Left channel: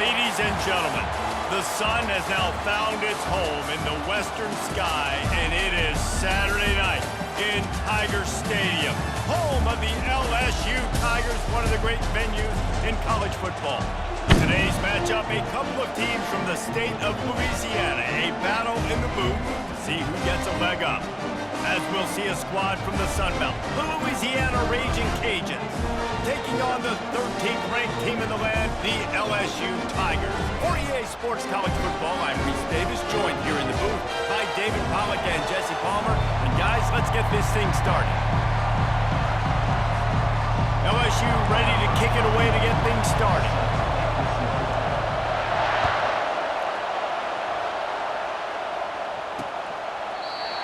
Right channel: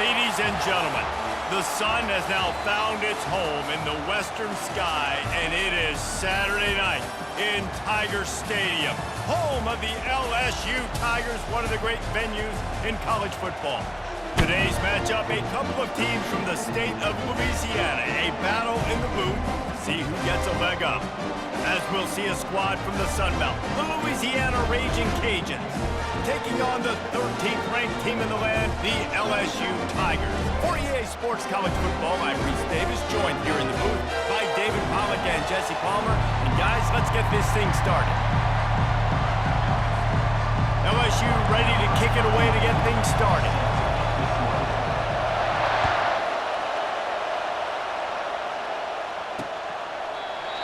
Ladies and gentlemen, the sun has now found its home in the western sky, and it is Saturday night in Tiger Stadium, home of the LSU Tigers, one of the great venues in college football. Today's matchup, a couple of teams from the state of Louisiana, a battle in the booth to see who gets a leg up. As we'll see a squad from the Sun Belt, the Louisiana Ragin Cajuns, taking on the 13th ranked team in the land, the LSU Tigers. For EA Sports College Football, I'm Reese Davis, joined here in the booth by David Pollack and Jesse Palmer. And guys, let's get this thing started. LSU ready to kick it away to get things started.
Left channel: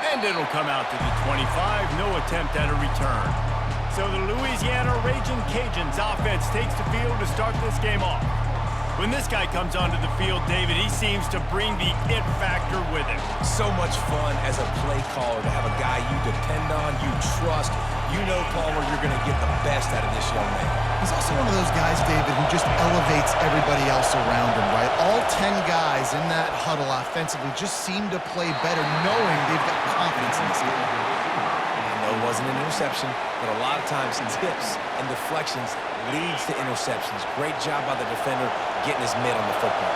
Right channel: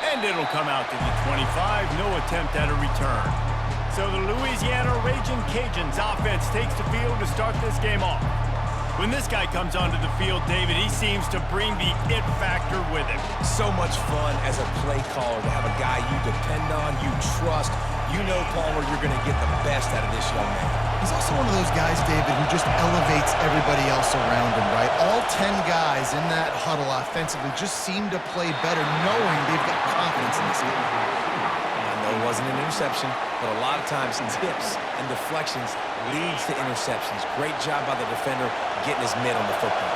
And it'll come out to the 25, no attempt at a return. So the Louisiana Ragin Cajuns offense takes the field to start this game off. When this guy comes onto the field, David, he seems to bring the it factor with him. So much fun as a play caller to have a guy you depend on, you trust. You know, Palmer, you're going to get the best out of this young man. He's also one of those guys, David, who just elevates everybody else around him, right? All 10 guys in that huddle offensively just seem to play better knowing they've got confidence in this game. I know it wasn't an interception, but a lot of times tips and deflections leads to interceptions. Great job by the defender getting his mitt on the football.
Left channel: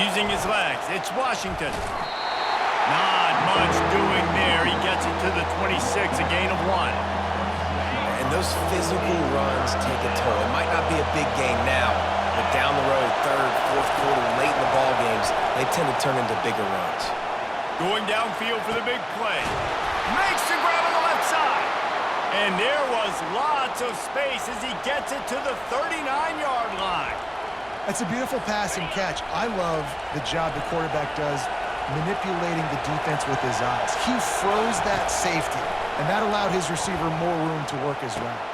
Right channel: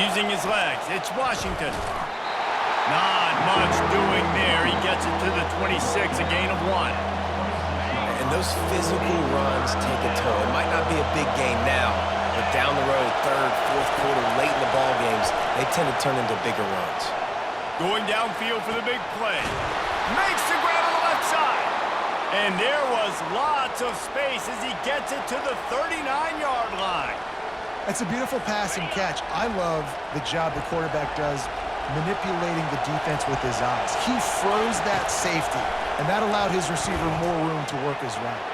Using his legs, it's Washington. Not much doing there. He gets it to the 26, a gain of 1. And those physical runs take a toll. It might not be a big gain now, but down the road, third, fourth quarter, late in the ball games, they tend to turn into bigger runs. Going downfield for the big play. Makes the grab on the left side. And there was lots of space as he gets it to the 39-yard line. That's a beautiful pass and catch. I love the job the quarterback does manipulating the defense with his eyes. He froze that safety, and that allowed his receiver more room to work his route.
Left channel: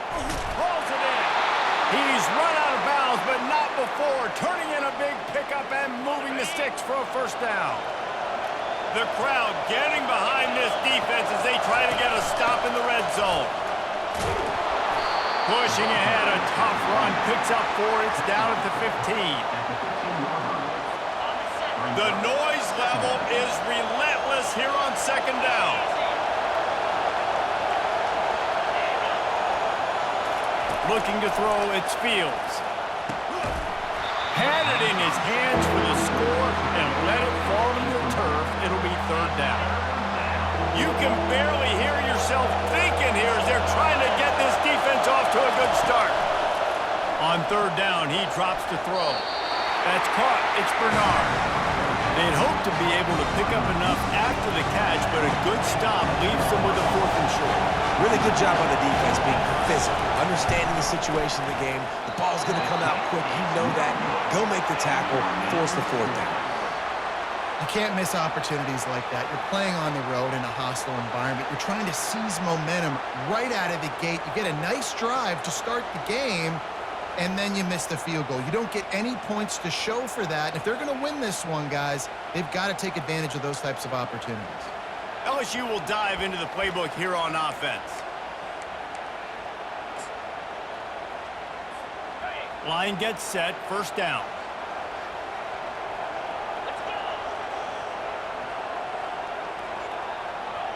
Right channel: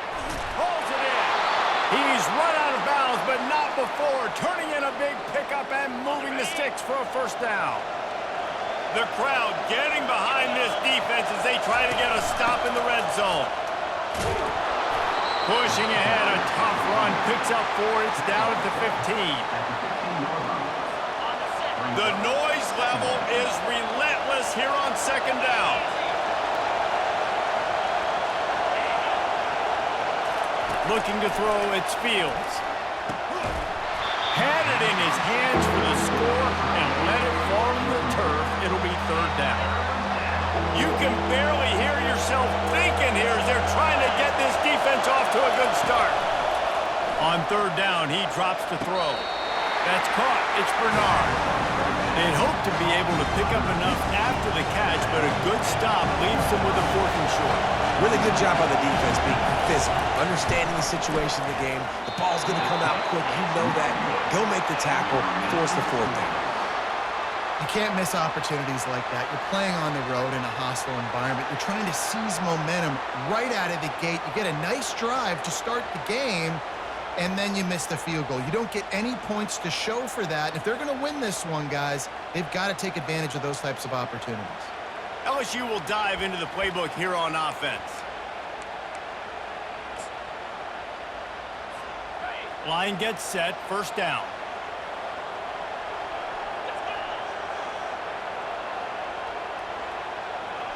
Pulls it in. He's run out of bounds, but not before turning in a big pickup and moving the sticks for a first down. The crowd getting behind this defense as they try to get a stop in the red zone. Pushing ahead, a tough run, picks up 4, it's down at the 15. The noise level is relentless here on second down. Looking to throw, it's Fields. Had it in his hands for the score and let it fall to the turf. It'll be third down. You can barely hear yourself thinking here as they're trying to get this defense off to a good start. On third down, he drops to throw. That's caught. It's Bernard. They'd hope to be able to pick up enough after the catch, but a good stop leaves them with a 4th and short. Really good job by the defense being physical, understanding the situation of the game. The ball's going to come out quick. You know that. Go make the tackle, force the 4th down. You can't miss opportunities like that. You're playing on the road in a hostile environment. You're trying to seize momentum right out of the gate. You get a nice drive to start the game, and then you miss the field goal. You don't get any points to show for that. And if they're going to win this one, guys, they've got to take advantage of those types of opportunities. LSU will dive into the playbook here on offense. Line gets set, first down.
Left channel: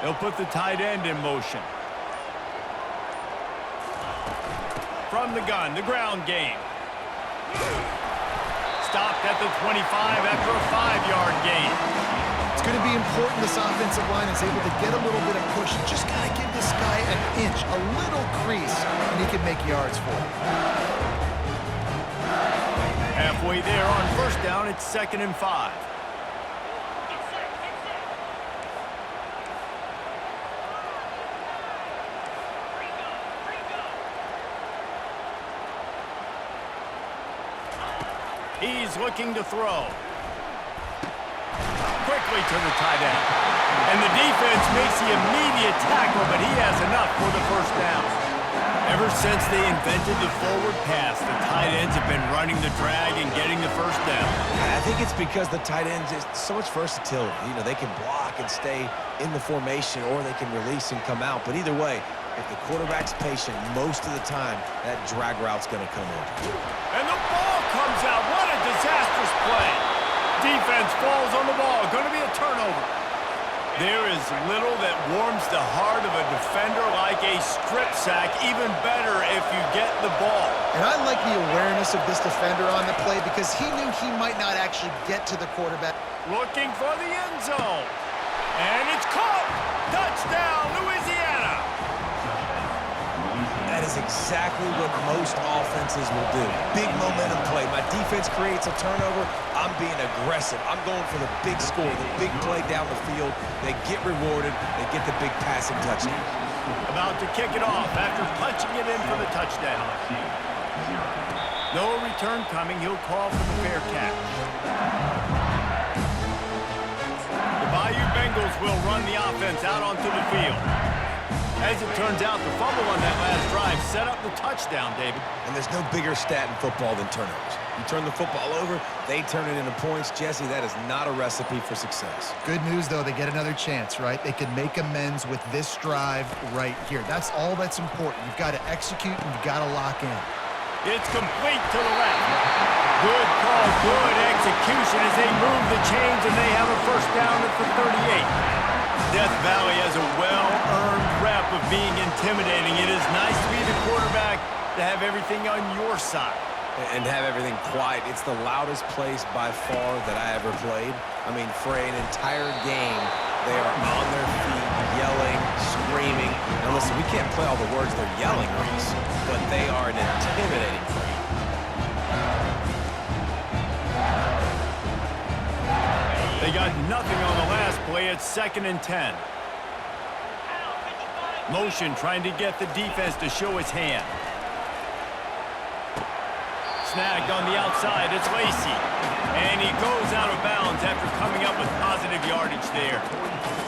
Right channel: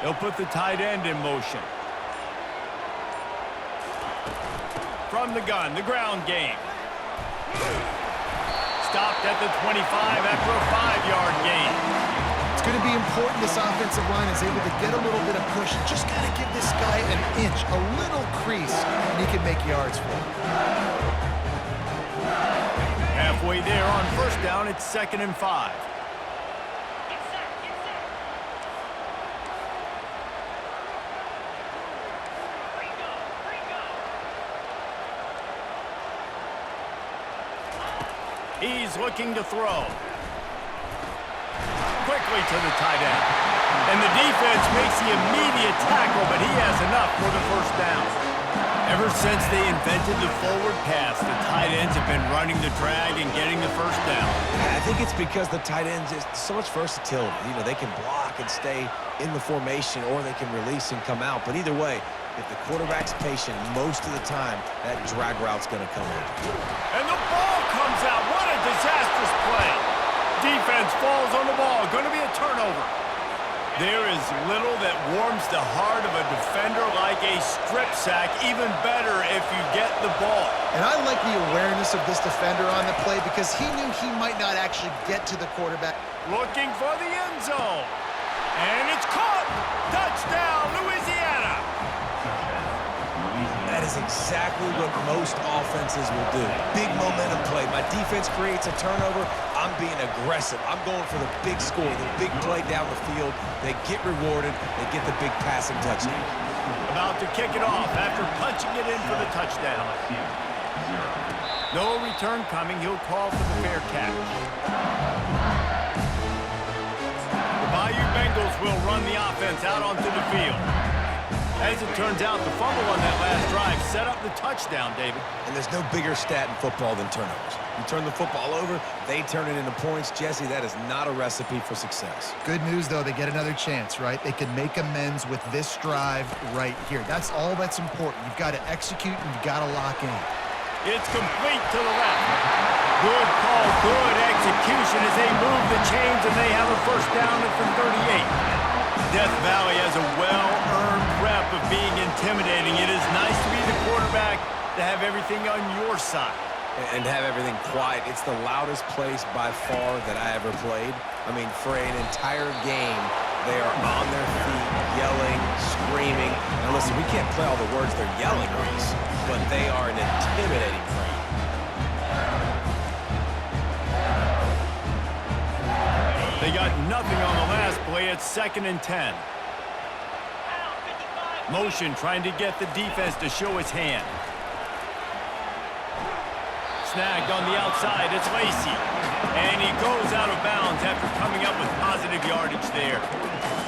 They'll put the tight end in motion. From the gun, the ground game. Stopped at the 25 after a 5-yard gain. It's going to be important this offensive line is able to get a little bit of push. Just got to give this guy an inch, a little crease, and he can make yards for it. Halfway there on first down, it's 2nd and 5. He's looking to throw. Quickly to the tight end. And the defense makes the immediate tackle, but he has enough for the first down. Ever since they invented the forward pass, the tight ends have been running the drag and getting the first down. I think it's because the tight ends is so much versatility. You know, they can block and stay in the formation, or they can release and come out. But either way, if the quarterback's patient most of the time, that drag route's going to come open. And the ball comes out. What a disastrous play. Defense falls on the ball. Going to be a turnover. There is little that warms the heart of a defender like a strip sack. Even better if you get the ball. And I like the awareness of this defender on the play because he knew he might not actually get to the quarterback. Looking for the end zone. And it's caught. Touchdown, Louisiana. That is exactly what most offenses will do. Big momentum play. My defense creates a turnover. I'm being aggressive. I'm going for the big score, the big play down the field. They get rewarded. They get the big passing touchdown. About to kick it off after punching it in for the touchdown. No return coming. He'll call for the fair catch. The Bayou Bengals will run the offense out onto the field. As it turns out, the fumble on that last drive set up the touchdown, David. And there's no bigger stat in football than turnovers. You turn the football over, they turn it into points. Jesse, that is not a recipe for success. Good news, though, they get another chance, right? They can make amends with this drive right here. That's all that's important. You've got to execute and you've got to lock in. It's complete to the left. Good call, good execution as they move the chains and they have a first down at the 38. Death Valley has a well-earned rep of being intimidating. It is nice to be the quarterback, to have everything on your side. And have everything quiet. It's the loudest place by far that I ever played. I mean, for an entire game, they are on their feet, yelling, screaming. Now listen, we can't play all the words they're yelling, Reese, but they are an intimidating crowd. They got nothing on the last play. It's 2nd and 10. Motion trying to get the defense to show its hand. Snagged on the outside. It's Lacey. And he goes out of bounds after coming up with positive yardage there.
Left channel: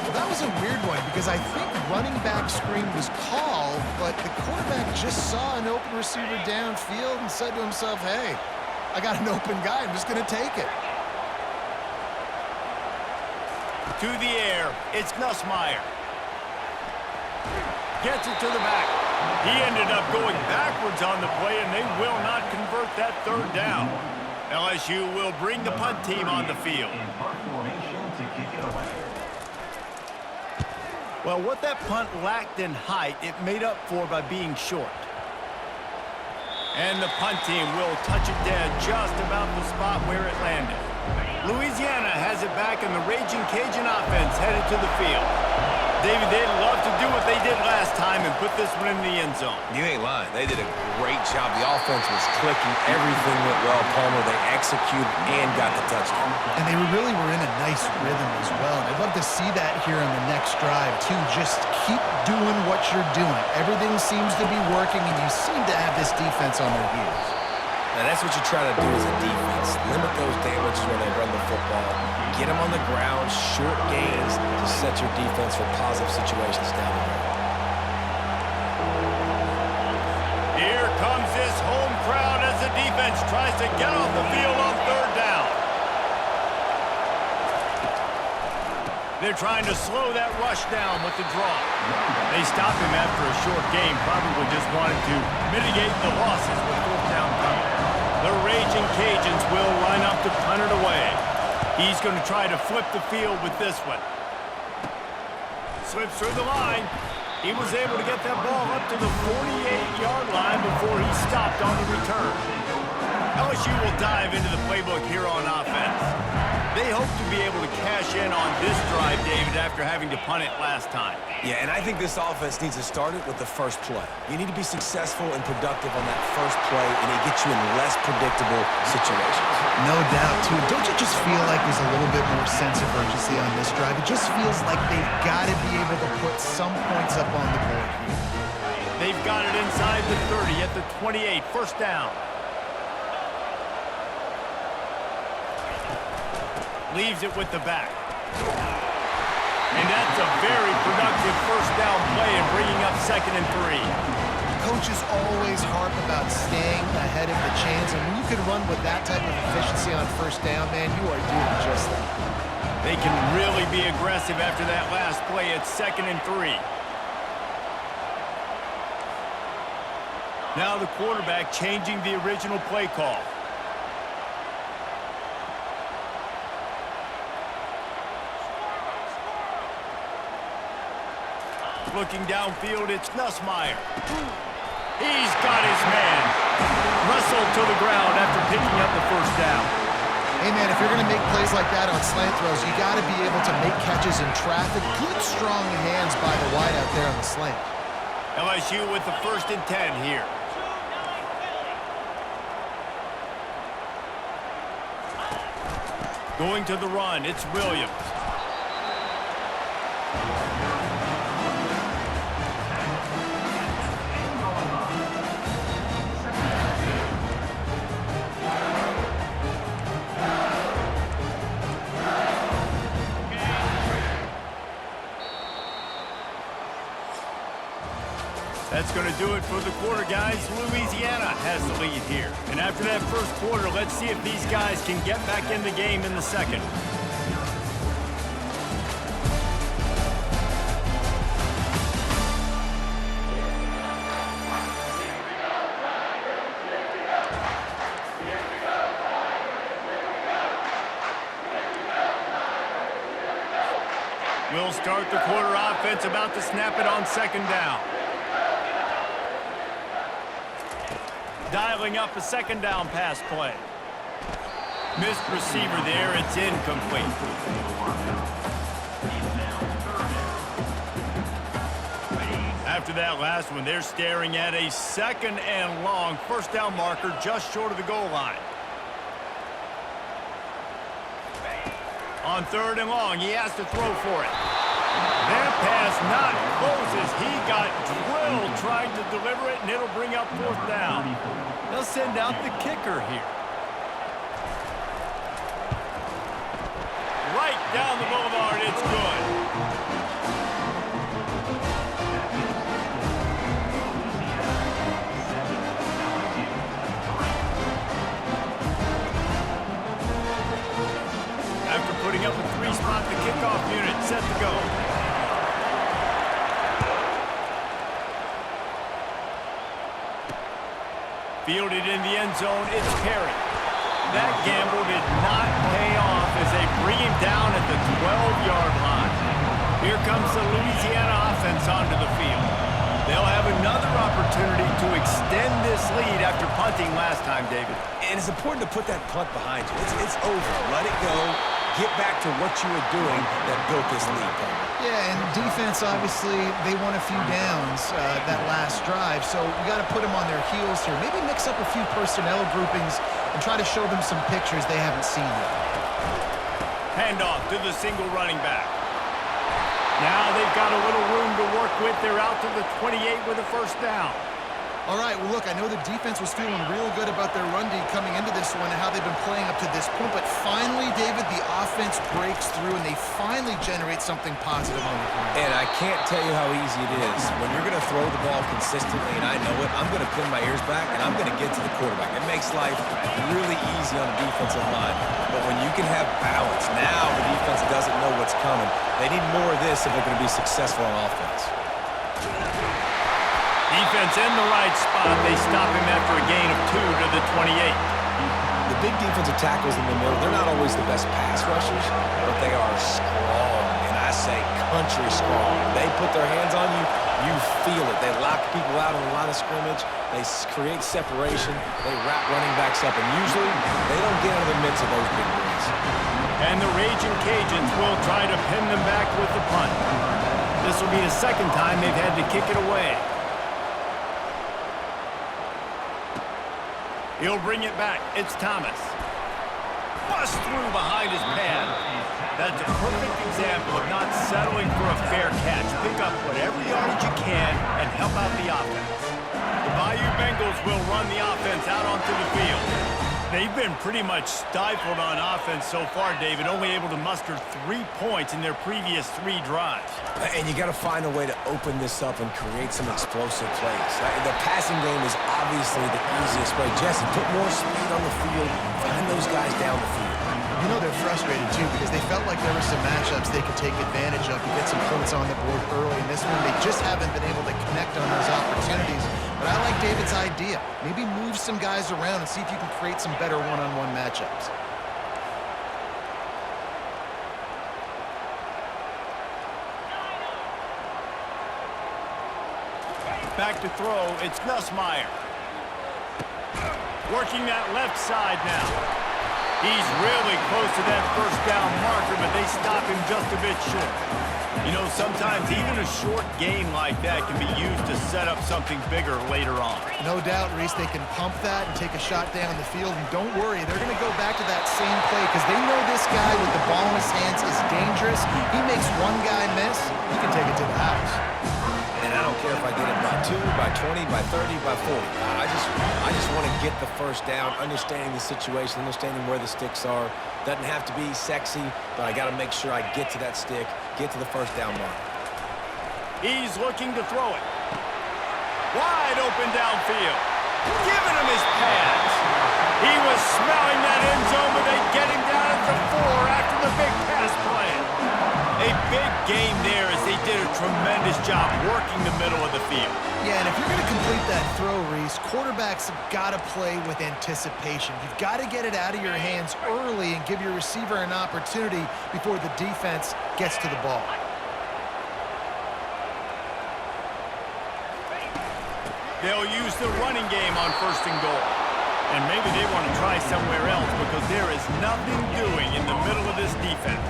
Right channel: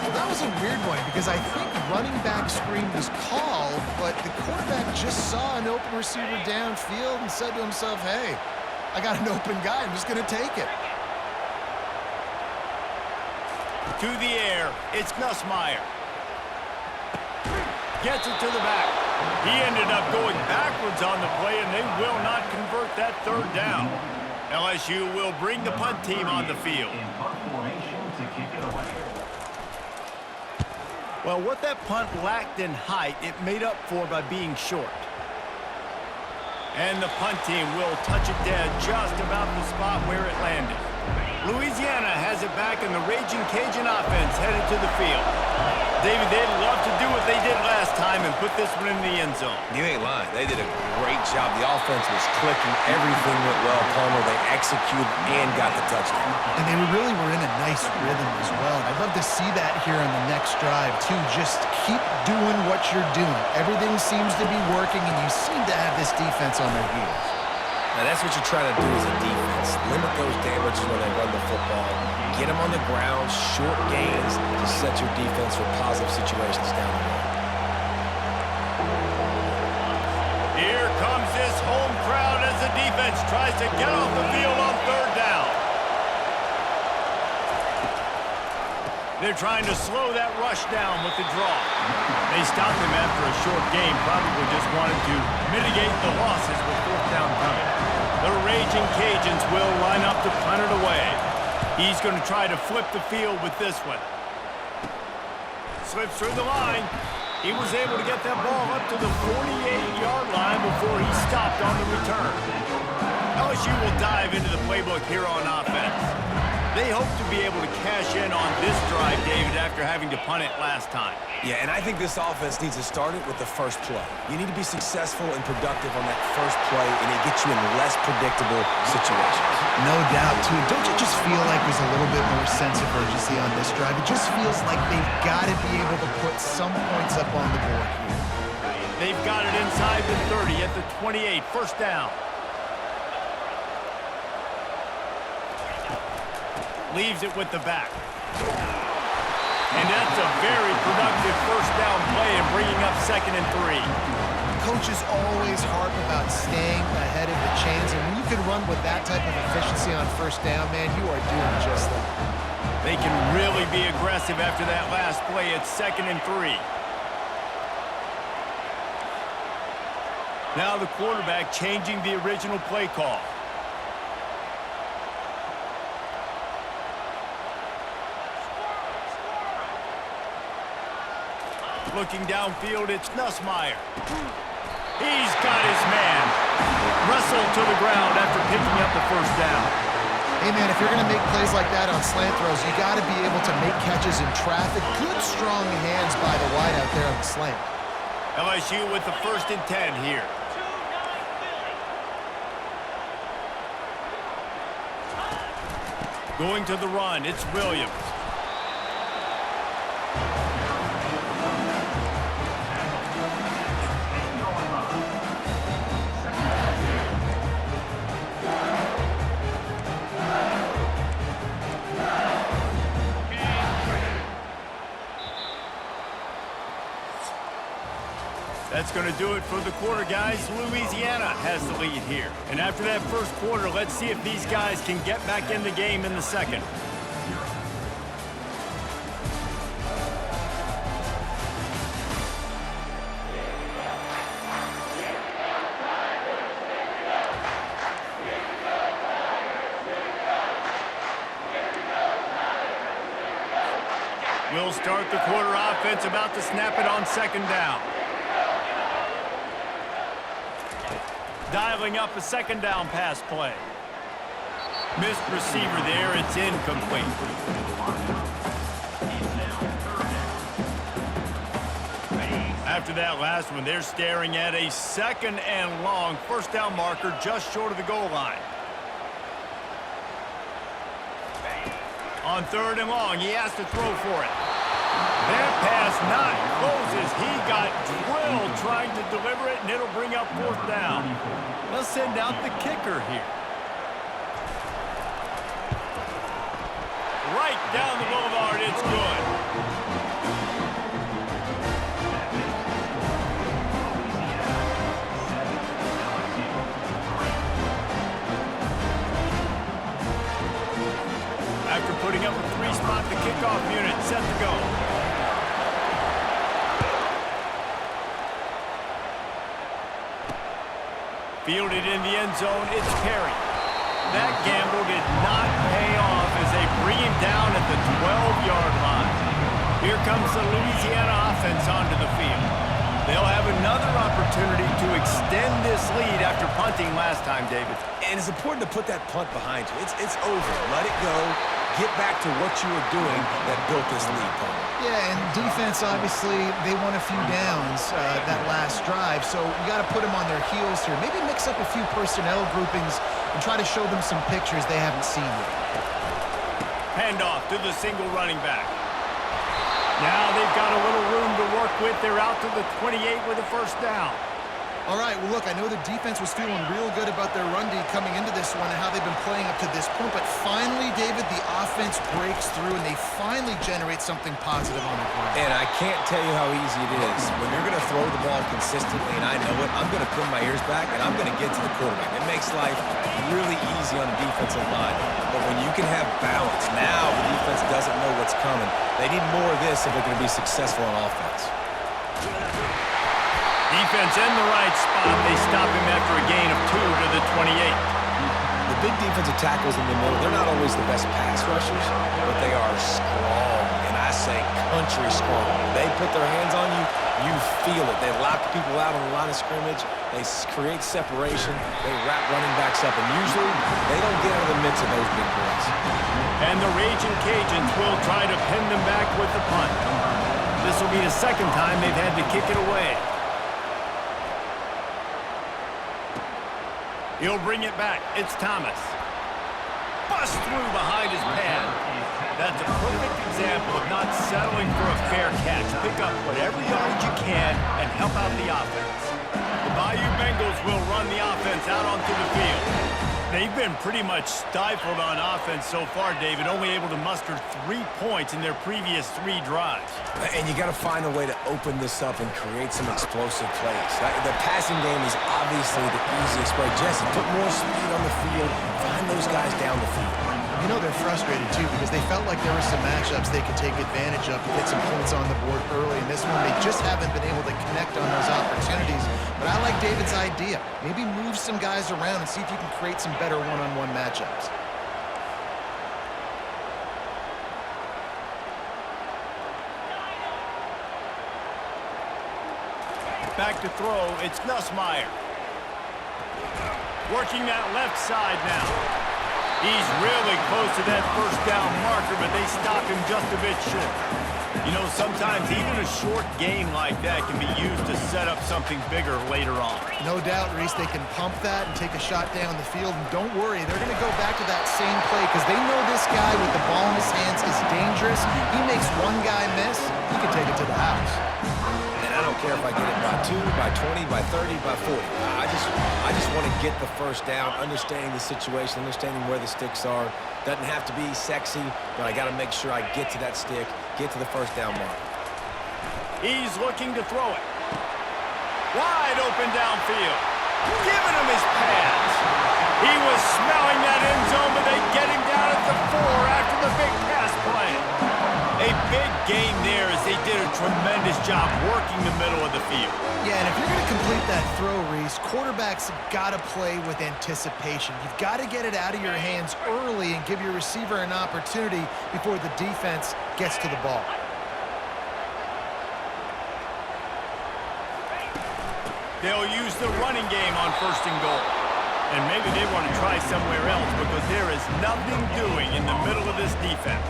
Well, that was a weird one because I think running back screen was called, but the quarterback just saw an open receiver downfield and said to himself, hey, I got an open guy. I'm just going to take it. To the air, it's Nussmeier. Gets it to the back. He ended up going backwards on the play, and they will not convert that third down. LSU will bring the punt team on the field. Well, what that punt lacked in height, it made up for by being short. And the punt team will touch it dead just about the spot where it landed. Louisiana has it back, and the Ragin' Cajun offense headed to the field. David, they'd love to do what they did last time and put this one in the end zone. You ain't lying. They did a great job. The offense was clicking. Everything went well. Palmer, they executed and got the touchdown. And they really were in a nice rhythm as well. And I'd love to see that here on the next drive, too. Just keep doing what you're doing. Everything seems to be working, and you seem to have this defense on their heels. Now, that's what you try to do as a defense. Limit those damages when they run the football. Get them on the ground, short gains to set your defense for positive situations down the road. Here comes this home crowd as the defense tries to get off the field on third down. They're trying to slow that rush down with the draw. They stopped him after a short game, probably just wanted to mitigate the losses with fourth down coming. The Ragin' Cajuns will line up to punt it away. He's going to try to flip the field with this one. Slips through the line. He was able to get that ball up to the 48-yard line before he stopped on the return. LSU will dive into the playbook here on offense. They hope to be able to cash in on this drive, David, after having to punt it last time. Yeah, and I think this offense needs to start it with the first play. You need to be successful and productive on that first play, and it gets you in less predictable situations. No doubt, too. Don't you just feel like there's a little bit more sense of urgency on this drive? It just feels like they've got to be able to put some points up on the board here. They've got it inside the 30 at the 28, first down. Leaves it with the back. And that's a very productive first down play and bringing up 2nd and 3. coaches always harp about staying ahead of the chains, and when you can run with that type of efficiency on first down, man, you are doing just that. They can really be aggressive after that last play. It's 2nd and 3. Now the quarterback changing the original play call. Looking downfield, it's Nussmeier. He's got his man. Wrestled to the ground after picking up the first down. Hey, man, if you're going to make plays like that on slant throws, you got to be able to make catches in traffic. Good, strong hands by the wide out there on the slant. LSU with the 1st and 10 here. Going to the run, it's Williams. That's going to do it for the quarter, guys. Louisiana has the lead here. And after that first quarter, let's see if these guys can get back in the game in the second. We'll start the quarter offense, about to snap it on 2nd down. Dialing up a 2nd down pass play. Missed receiver there, it's incomplete. After that last one, they're staring at a 2nd and long, 1st down marker just short of the goal line. On 3rd and long, he has to throw for it. That pass not closes. He got drilled trying to deliver it, and it'll bring up 4th down. They'll send out the kicker here. Right down the boulevard, it's good. After putting up a 3-spot, the kickoff unit set to go. Fielded in the end zone, it's Perry. That gamble did not pay off as they bring him down at the 12-yard line. Here comes the Louisiana offense onto the field. They'll have another opportunity to extend this lead after punting last time, David. And it's important to put that punt behind you. It's over. Let it go. Get back to what you were doing that built this lead, Paul. Yeah, and defense, obviously, they won a few downs that last drive, so we got to put them on their heels here. Maybe mix up a few personnel groupings and try to show them some pictures they haven't seen yet. Handoff to the single running back. Now they've got a little room to work with. They're out to the 28 with a 1st down. All right, well, look, I know the defense was feeling real good about their run D coming into this one and how they've been playing up to this point, but finally, David, the offense breaks through and they finally generate something positive on the ground. And I can't tell you how easy it is. When you're going to throw the ball consistently, and I know it, I'm going to pin my ears back and I'm going to get to the quarterback. It makes life really easy on the defensive line. But when you can have balance, now the defense doesn't know what's coming. They need more of this if they're going to be successful on offense. Defense in the right spot. They stop him after a gain of 2 to the 28. The big defensive tackles in the middle, they're not always the best pass rushers, but they are strong, and I say country strong. They put their hands on you, you feel it. They lock people out on the line of scrimmage. They create separation. They wrap running backs up, and usually they don't get out of the midst of those big boys. And the Ragin' Cajuns will try to pin them back with the punt. This will be the 2nd time they've had to kick it away. He'll bring it back. It's Thomas. Bust through behind his pad. That's a perfect example of not settling for a fair catch. Pick up whatever yardage you can and help out the offense. The Bayou Bengals will run the offense out onto the field. They've been pretty much stifled on offense so far, David, only able to muster 3 points in their previous 3 drives. And you got to find a way to open this up and create some explosive plays. The passing game is obviously the easiest way. Jesse, put more speed on the field, find those guys down the field. You know they're frustrated, too, because they felt like there were some matchups they could take advantage of to get some points on the board early. In this one, they just haven't been able to connect on those opportunities. But I like David's idea. Maybe move some guys around and see if you can create some better one-on-one matchups. Back to throw, it's Nussmeier. Working that left side now. He's really close to that first down marker, but they stop him just a bit short. You know, sometimes even a short gain like that can be used to set up something bigger later on. No doubt, Reese, they can pump that and take a shot down the field. And don't worry, they're going to go back to that same play because they know this guy with the ball in his hands is dangerous. He makes one guy miss, he can take it to the house. And I don't care if I get it by 2, by 20, by 30, by 40. I just want to get the first down, understanding the situation, understanding where the sticks are. Doesn't have to be sexy, but I got to make sure I get to that stick, get to the first down mark. He's looking to throw it. Wide open downfield. Giving him his pads. He was smelling that end zone, but they get him down at the 4 after the big pass play. A big game there as they did a tremendous job working the middle of the field. Yeah, and if you're going to complete that throw, Reese, quarterbacks have got to play with anticipation. You've got to get it out of your hands early and give your receiver an opportunity before the defense gets to the ball. They'll use the running game on 1st and goal. And maybe they want to try somewhere else because there is nothing doing in the middle of this defense.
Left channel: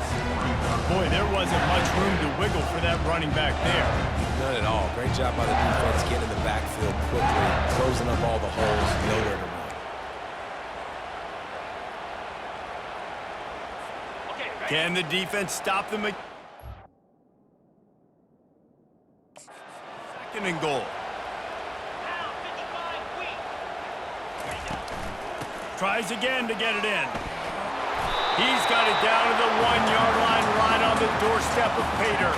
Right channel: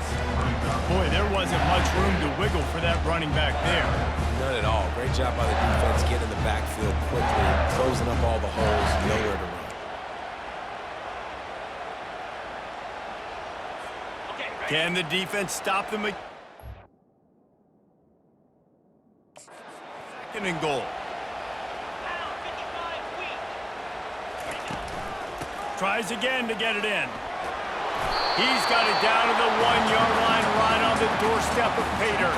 Boy, there wasn't much room to wiggle for that running back there. None at all. Great job by the defense getting in the backfield quickly, closing up all the holes, nowhere to run. Can the defense stop them? 2nd and goal. Tries again to get it in. He's got it down to the 1-yard line right on the doorstep of Pater.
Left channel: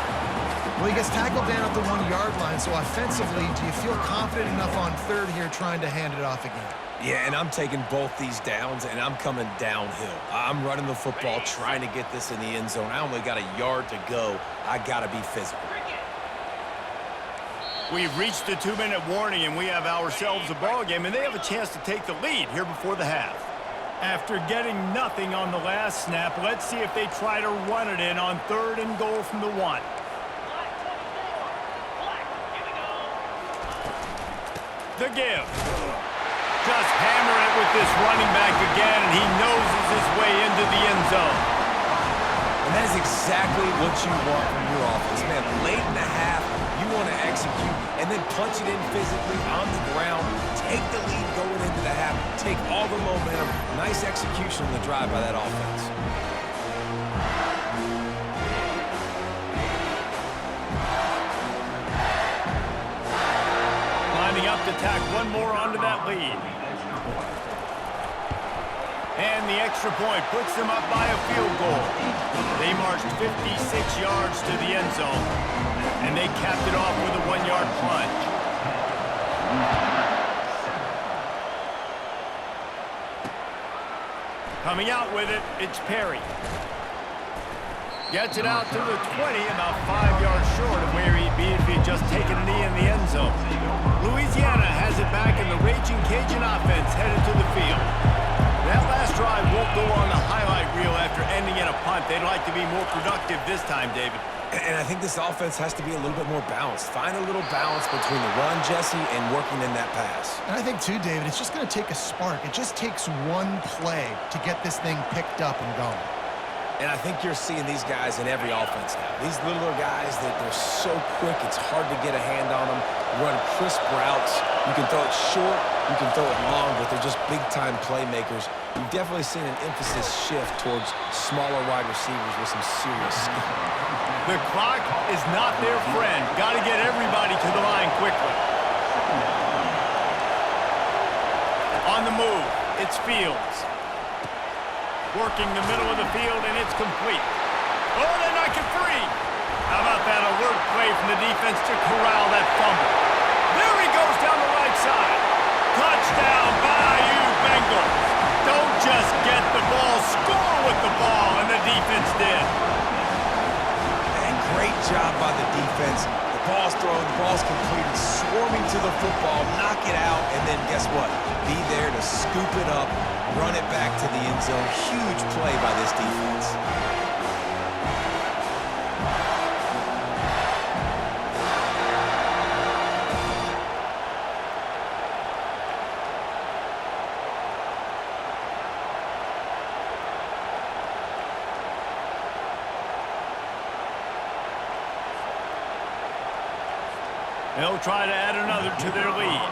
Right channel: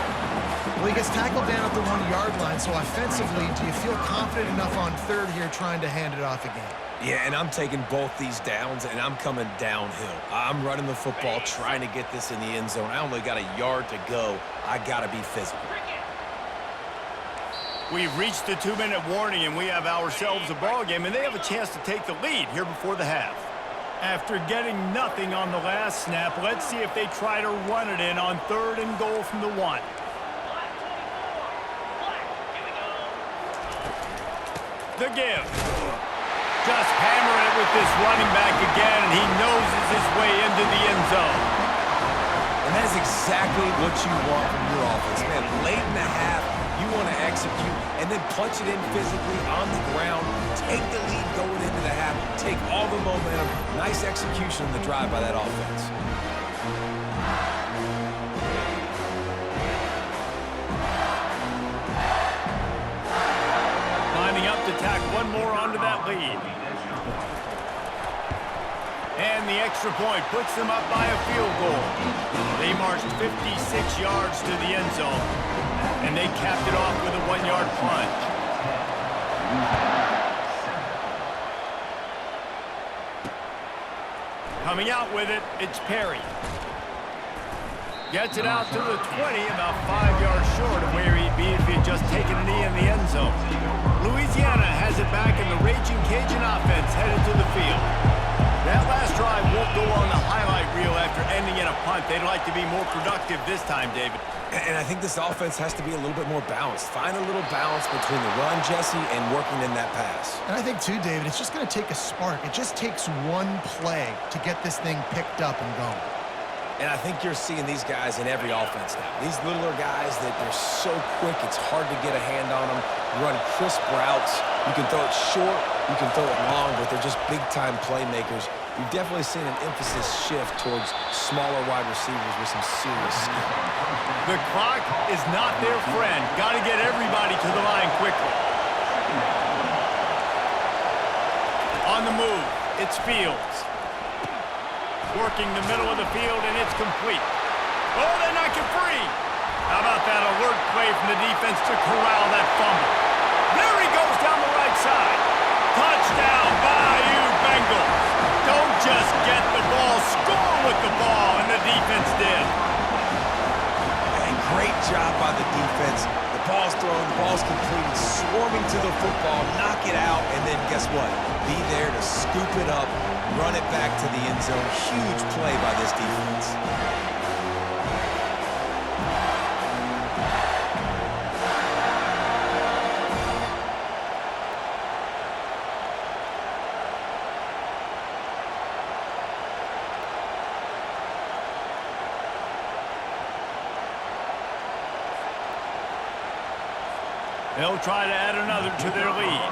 Well, he gets tackled down at the 1-yard line, so offensively, do you feel confident enough on 3rd here trying to hand it off again? Yeah, and I'm taking both these downs, and I'm coming downhill. I'm running the football, trying to get this in the end zone. I only got a yard to go. I got to be physical. We've reached the 2-minute warning, and we have ourselves a ball game, and they have a chance to take the lead here before the half. After getting nothing on the last snap, let's see if they try to run it in on 3rd and goal from the 1. The give. Just hammer it with this running back again, and he noses his way into the end zone. And that is exactly what you want from your offense, man. Late in the half, you want to execute and then punch it in physically on the ground, take the lead going into the half, take all the momentum. Nice execution on the drive by that offense. Lining up to tack one more onto that lead. And the extra point puts them up by a field goal. They marched 56 yards to the end zone, and they capped it off with a 1-yard plunge. Coming out with it, it's Perry. Gets it out to the 20, about 5 yards short of where he'd be if he'd just taken a knee in the end zone. Louisiana has it back, and the Ragin Cajun offense headed to the field. That last drive won't go on the highlight reel after ending in a punt. They'd like to be more productive this time, David. And I think this offense has to be a little bit more balanced. Find a little balance between the run, Jesse, and working in that pass. And I think, too, David, it's just going to take a spark. It just takes one play to get this thing picked up and going. And I think you're seeing these guys in every offense now. These littler guys that they're so quick, it's hard to get a hand on them. Run crisp routes. You can throw it short, you can throw it long, but they're just big-time playmakers. You've definitely seen an emphasis shift towards smaller wide receivers with some serious skill. The clock is not their friend. Got to get everybody to the line quickly. On the move, it's Fields. Working the middle of the field, and it's complete. Oh, they knock it free. How about that alert play from the defense to corral that fumble? There he goes down the right side. Touchdown, Bayou Bengals. Don't just get the ball, score with the ball, and the defense did. And great job by the defense. The ball's thrown, the ball's completed, swarming to the football, knock it out, and then guess what? Be there to scoop it up, run it back to the end zone. Huge play by this defense. They'll try to add another to their lead.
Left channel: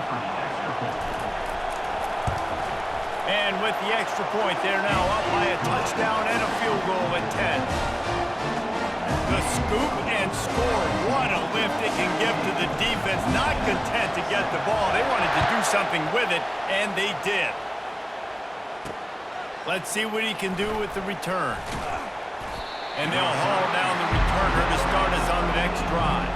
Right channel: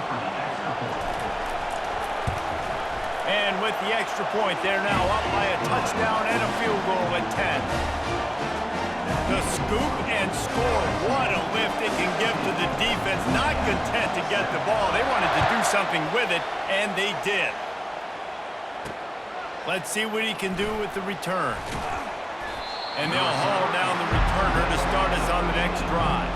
And with the extra point, they're now up by a touchdown and a field goal at 10. The scoop and score. What a lift it can give to the defense. Not content to get the ball. They wanted to do something with it, and they did. Let's see what he can do with the return. And they'll haul down the returner to start us on the next drive.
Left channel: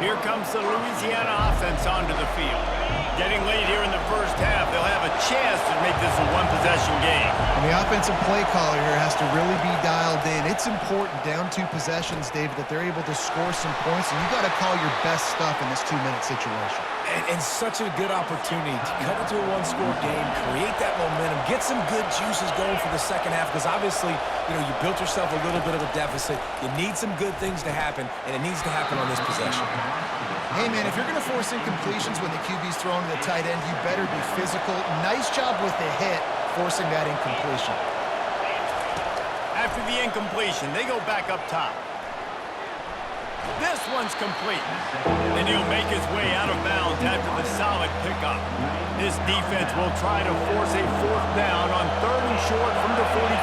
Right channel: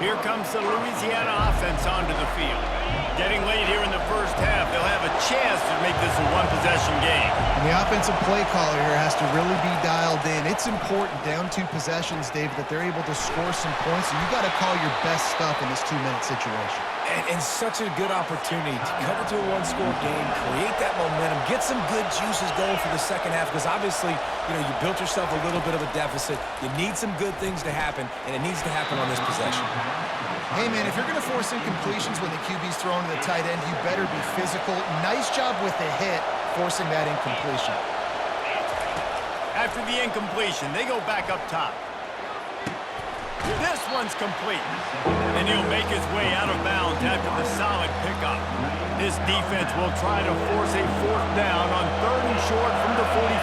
Here comes the Louisiana offense onto the field. Getting late here in the first half, they'll have a chance to make this a one-possession game. And the offensive play caller here has to really be dialed in. It's important, down 2 possessions, David, that they're able to score some points, and you got to call your best stuff in this 2-minute situation. And such a good opportunity to cut it to a one-score game, create that momentum, get some good juices going for the second half, because obviously, you know, you built yourself a little bit of a deficit. You need some good things to happen, and it needs to happen on this possession. Hey, man, if you're going to force incompletions when the QB's thrown to the tight end, you better be physical. Nice job with the hit, forcing that incompletion. After the incompletion, they go back up top. This one's complete. And he'll make his way out of bounds after the solid pickup. This defense will try to force a 4th down on 3rd and short from the 45.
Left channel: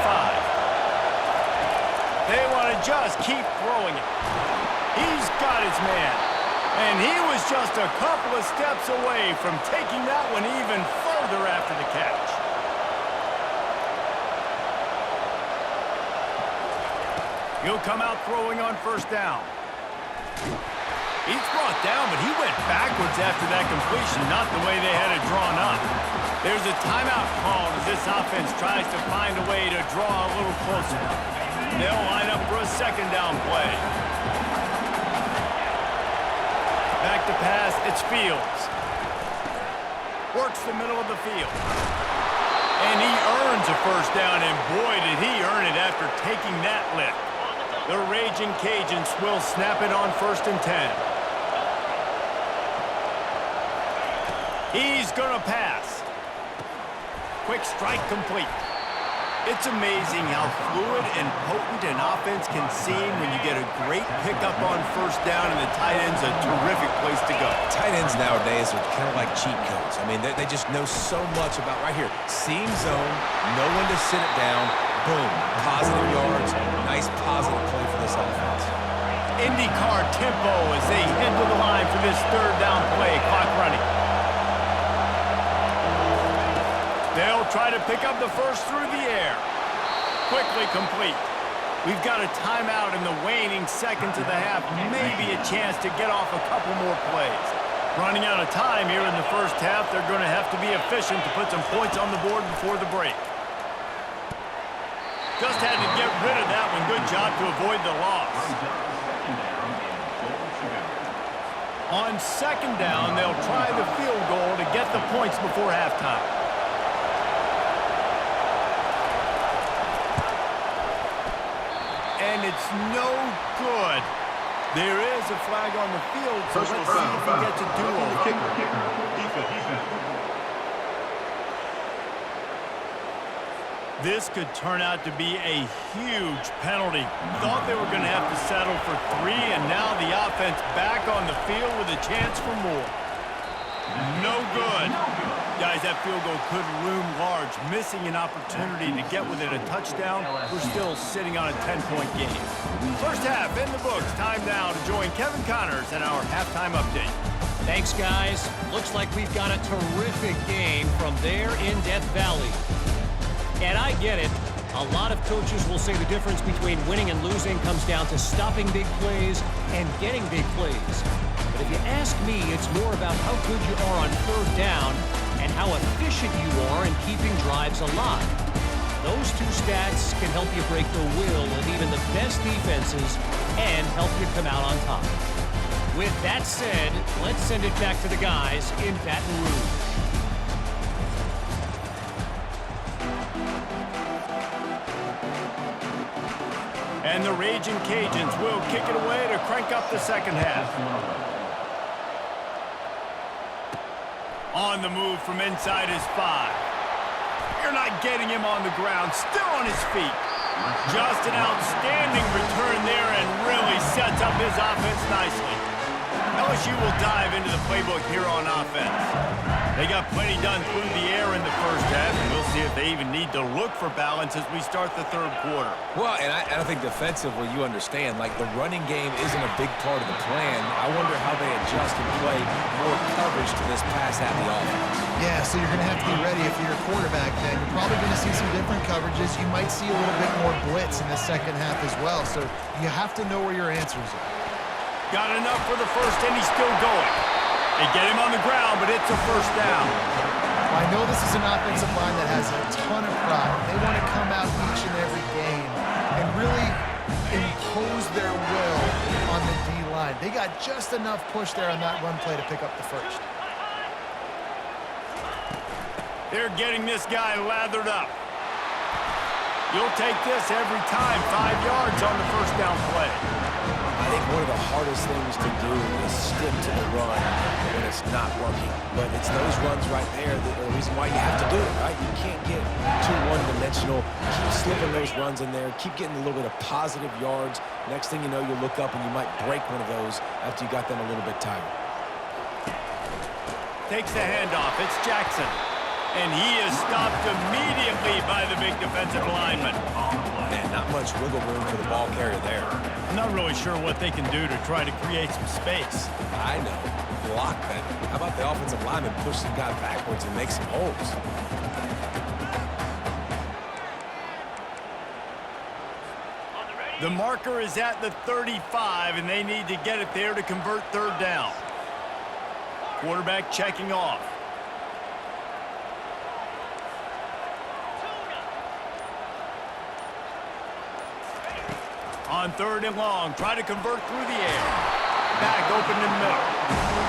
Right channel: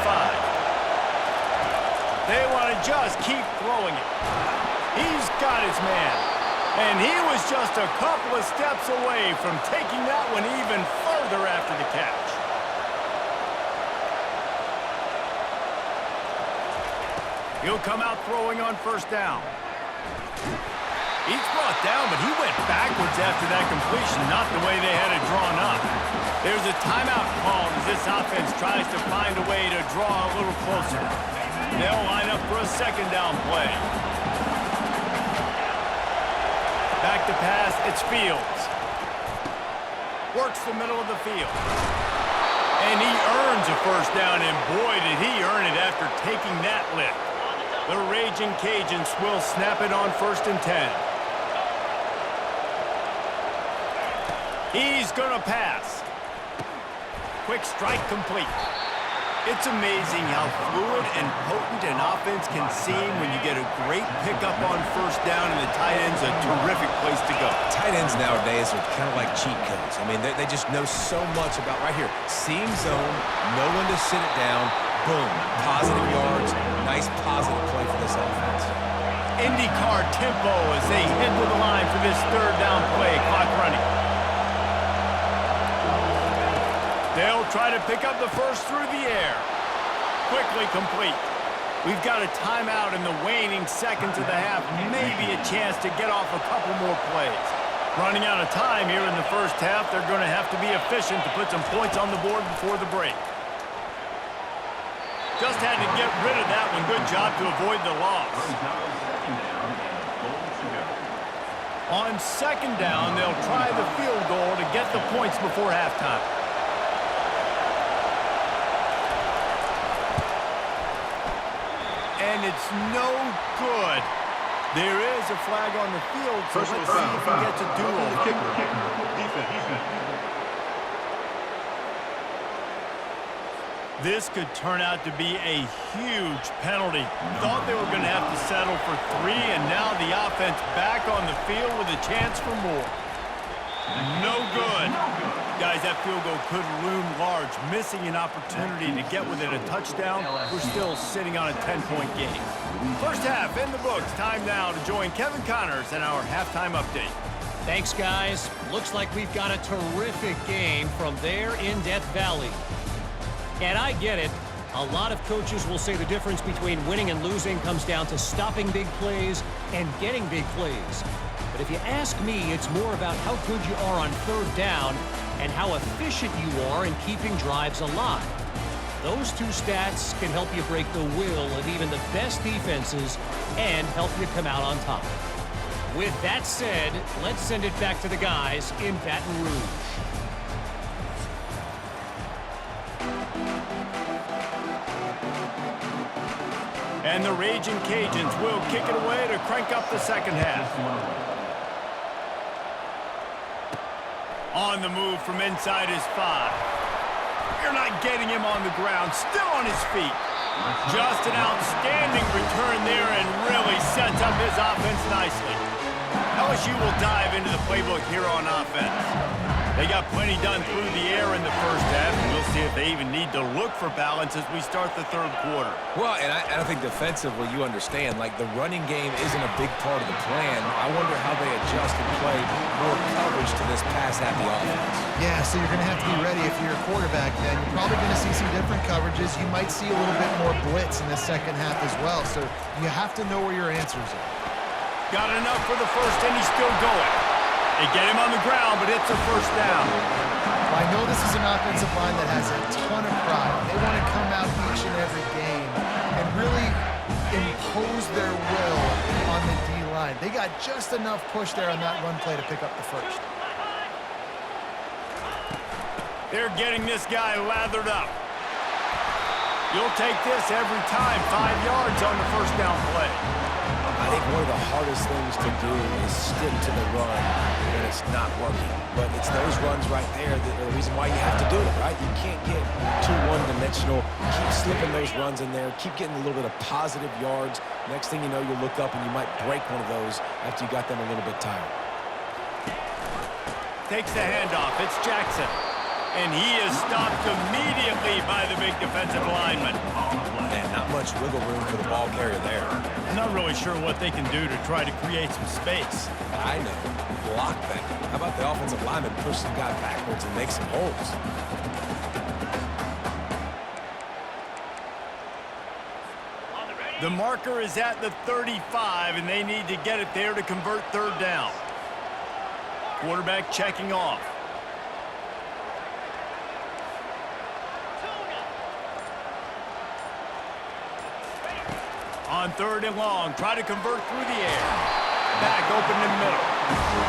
They want to just keep throwing it. He's got his man. And he was just a couple of steps away from taking that one even further after the catch. He'll come out throwing on 1st down. He's brought down, but he went backwards after that completion, not the way they had it drawn up. There's a timeout called as this offense tries to find a way to draw a little closer. They'll line up for a 2nd down play. Back to pass, it's Fields. Works the middle of the field. And he earns a 1st down, and boy, did he earn it after taking that lift. The Ragin' Cajuns will snap it on 1st and 10. He's gonna pass. Quick strike complete. It's amazing how fluid and potent an offense can seem when you get a great pickup on 1st down, and the tight end's a terrific place to go. Tight ends nowadays are kind of like cheat codes. I mean, they just know so much about right here. Seam zone, know when to sit it down, boom, positive yards, nice positive play for this offense. IndyCar tempo as they head to the line for this 3rd down play, clock running. They'll try to pick up the 1st through the air. Quickly complete. We've got a timeout in the waning seconds of the half. Maybe a chance to get off a couple more plays. Running out of time here in the 1st half. They're going to have to be efficient to put some points on the board before the break. Just had to get rid of that one. Good job to avoid the loss. On 2nd down, they'll try the field goal to get the points before halftime. And it's no good. There is a flag on the field, so let's see if he gets a do-over. Defense. This could turn out to be a huge penalty. Thought they were going to have to settle for 3, and now the offense back on the field with a chance for more. No good. Guys, that field goal could loom large. Missing an opportunity to get within a touchdown. We're still sitting on a 10-point game. 1st half in the books. Time now to join Kevin Connors and our halftime update. Thanks, guys. Looks like we've got a terrific game from there in Death Valley. And I get it. A lot of coaches will say the difference between winning and losing comes down to stopping big plays and getting big plays. But if you ask me, it's more about how good you are on third down and how efficient you are in keeping drives alive. Those two stats can help you break the will of even the best defenses and help you come out on top. With that said, let's send it back to the guys in Baton Rouge. And the Ragin' Cajuns will kick it away to crank up the second half. On the move from inside his 5. You're not getting him on the ground, still on his feet. Just an outstanding return there and really sets up his offense nicely. LSU will dive into the playbook here on offense. They got plenty done through the air in the first half, and we'll see if they even need to look for balance as we start the third quarter. Well, and I think defensively, you understand, like the running game isn't a big part of the plan. I wonder how they adjust and play more coverage to this pass-happy offense. Yeah, so you're going to have to be ready if you're a quarterback then. You're probably going to see some different coverages. You might see a little bit more blitz in the second half as well, so you have to know where your answers are. Got enough for the first, and he's still going. They get him on the ground, but it's a first down. Well, I know this is an offensive line that has a ton of pride. They want to come out each and every game and really impose their will on the D-line. They got just enough push there on that run play to pick up the first. They're getting this guy lathered up. You'll take this every time. 5 yards on the first down play. I think one of the hardest things to do is stick to the run when it's not working. But it's those runs right there that are the reason why you have to do it, right? You can't get too one-dimensional. Keep slipping those runs in there. Keep getting a little bit of positive yards. Next thing you know, you look up and you might break one of those after you got them a little bit tired. Takes the handoff. It's Jackson. And he is stopped immediately by the big defensive lineman. Man, not much wiggle room for the ball carrier there. I'm not really sure what they can do to try to create some space. I know. Block better. How about the offensive lineman push some guy backwards and make some holes? The marker is at the 35, and they need to get it there to convert third down. Quarterback checking off. On third and long, try to convert through the air. Back open in the middle.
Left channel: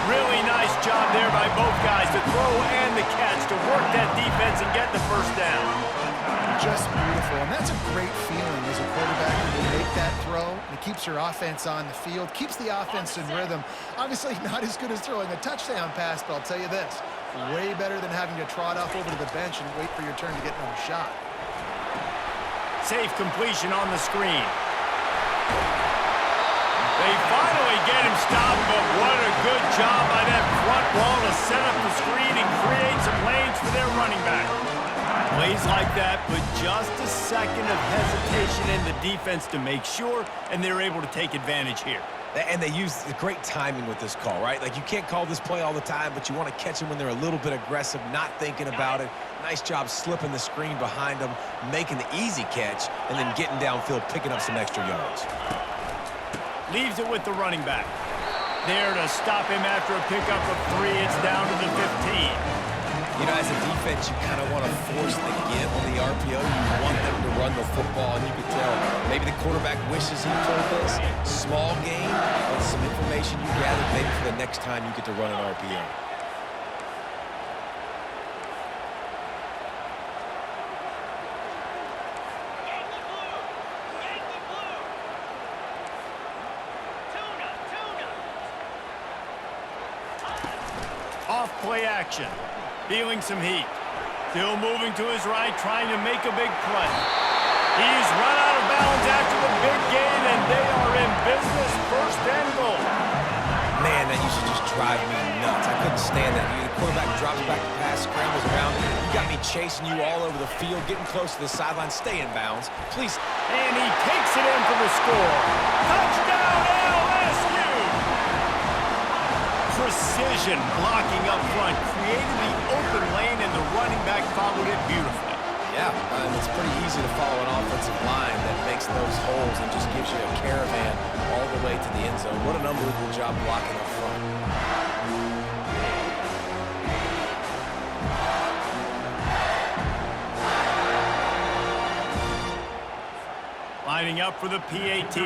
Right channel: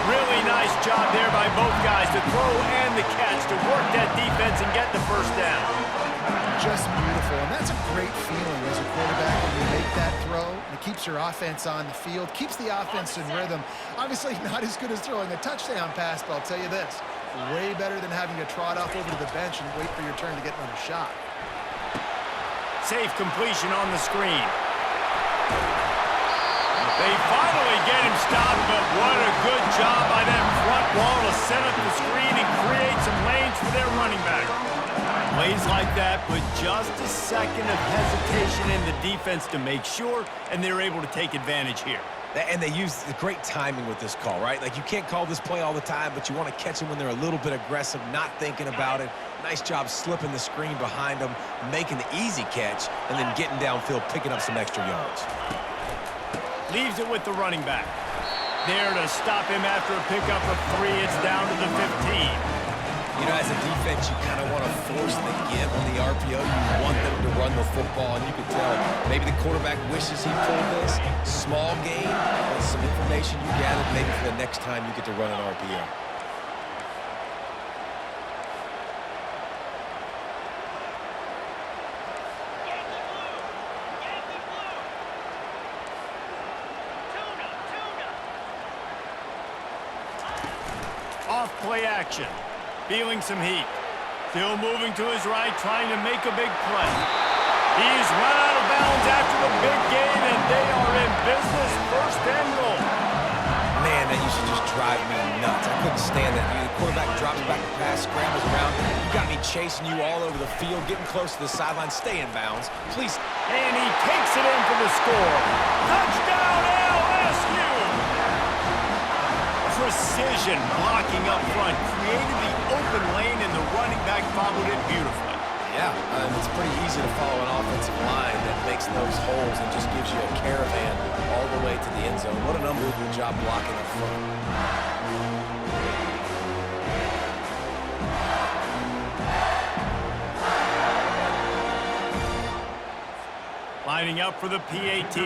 Really nice job there by both guys to throw and the catch to work that defense and get the first down. Just beautiful, and that's a great feeling as a quarterback when you make that throw, and it keeps your offense on the field, keeps the offense in rhythm. Obviously not as good as throwing a touchdown pass, but I'll tell you this, way better than having to trot off over to the bench and wait for your turn to get another shot. Safe completion on the screen. They finally get him stopped, but what a good job by that front wall to set up the screen and create some lanes for their running back. Plays like that, but just a second of hesitation in the defense to make sure, and they're able to take advantage here. And they use great timing with this call, right? Like, you can't call this play all the time, but you want to catch them when they're a little bit aggressive, not thinking about it. Nice job slipping the screen behind them, making the easy catch, and then getting downfield, picking up some extra yards. Leaves it with the running back. There to stop him after a pickup of 3. It's down to the 15. You know, as a defense, you kind of want to force the give on the RPO. You want them to run the football, and you could tell maybe the quarterback wishes he pulled this. Small game, but some information you gathered maybe for the next time you get to run an RPO. Off play action. Feeling some heat. Still moving to his right, trying to make a big play. He's run out of bounds after the big gain, and they are in business, first and goal. Man, that used to just drive me nuts. I couldn't stand that. The quarterback drops back the pass, scrambles around. You got me chasing you all over the field, getting close to the sideline. Stay in bounds, please. And he takes it in for the score. Touchdown, LSU! Precision blocking up front created the open lane, and the running back followed it beautifully. Yeah, and it's pretty easy to follow an offensive line that makes those holes and just gives you a caravan all the way to the end zone. What an unbelievable job blocking up front. Lining up for the PAT.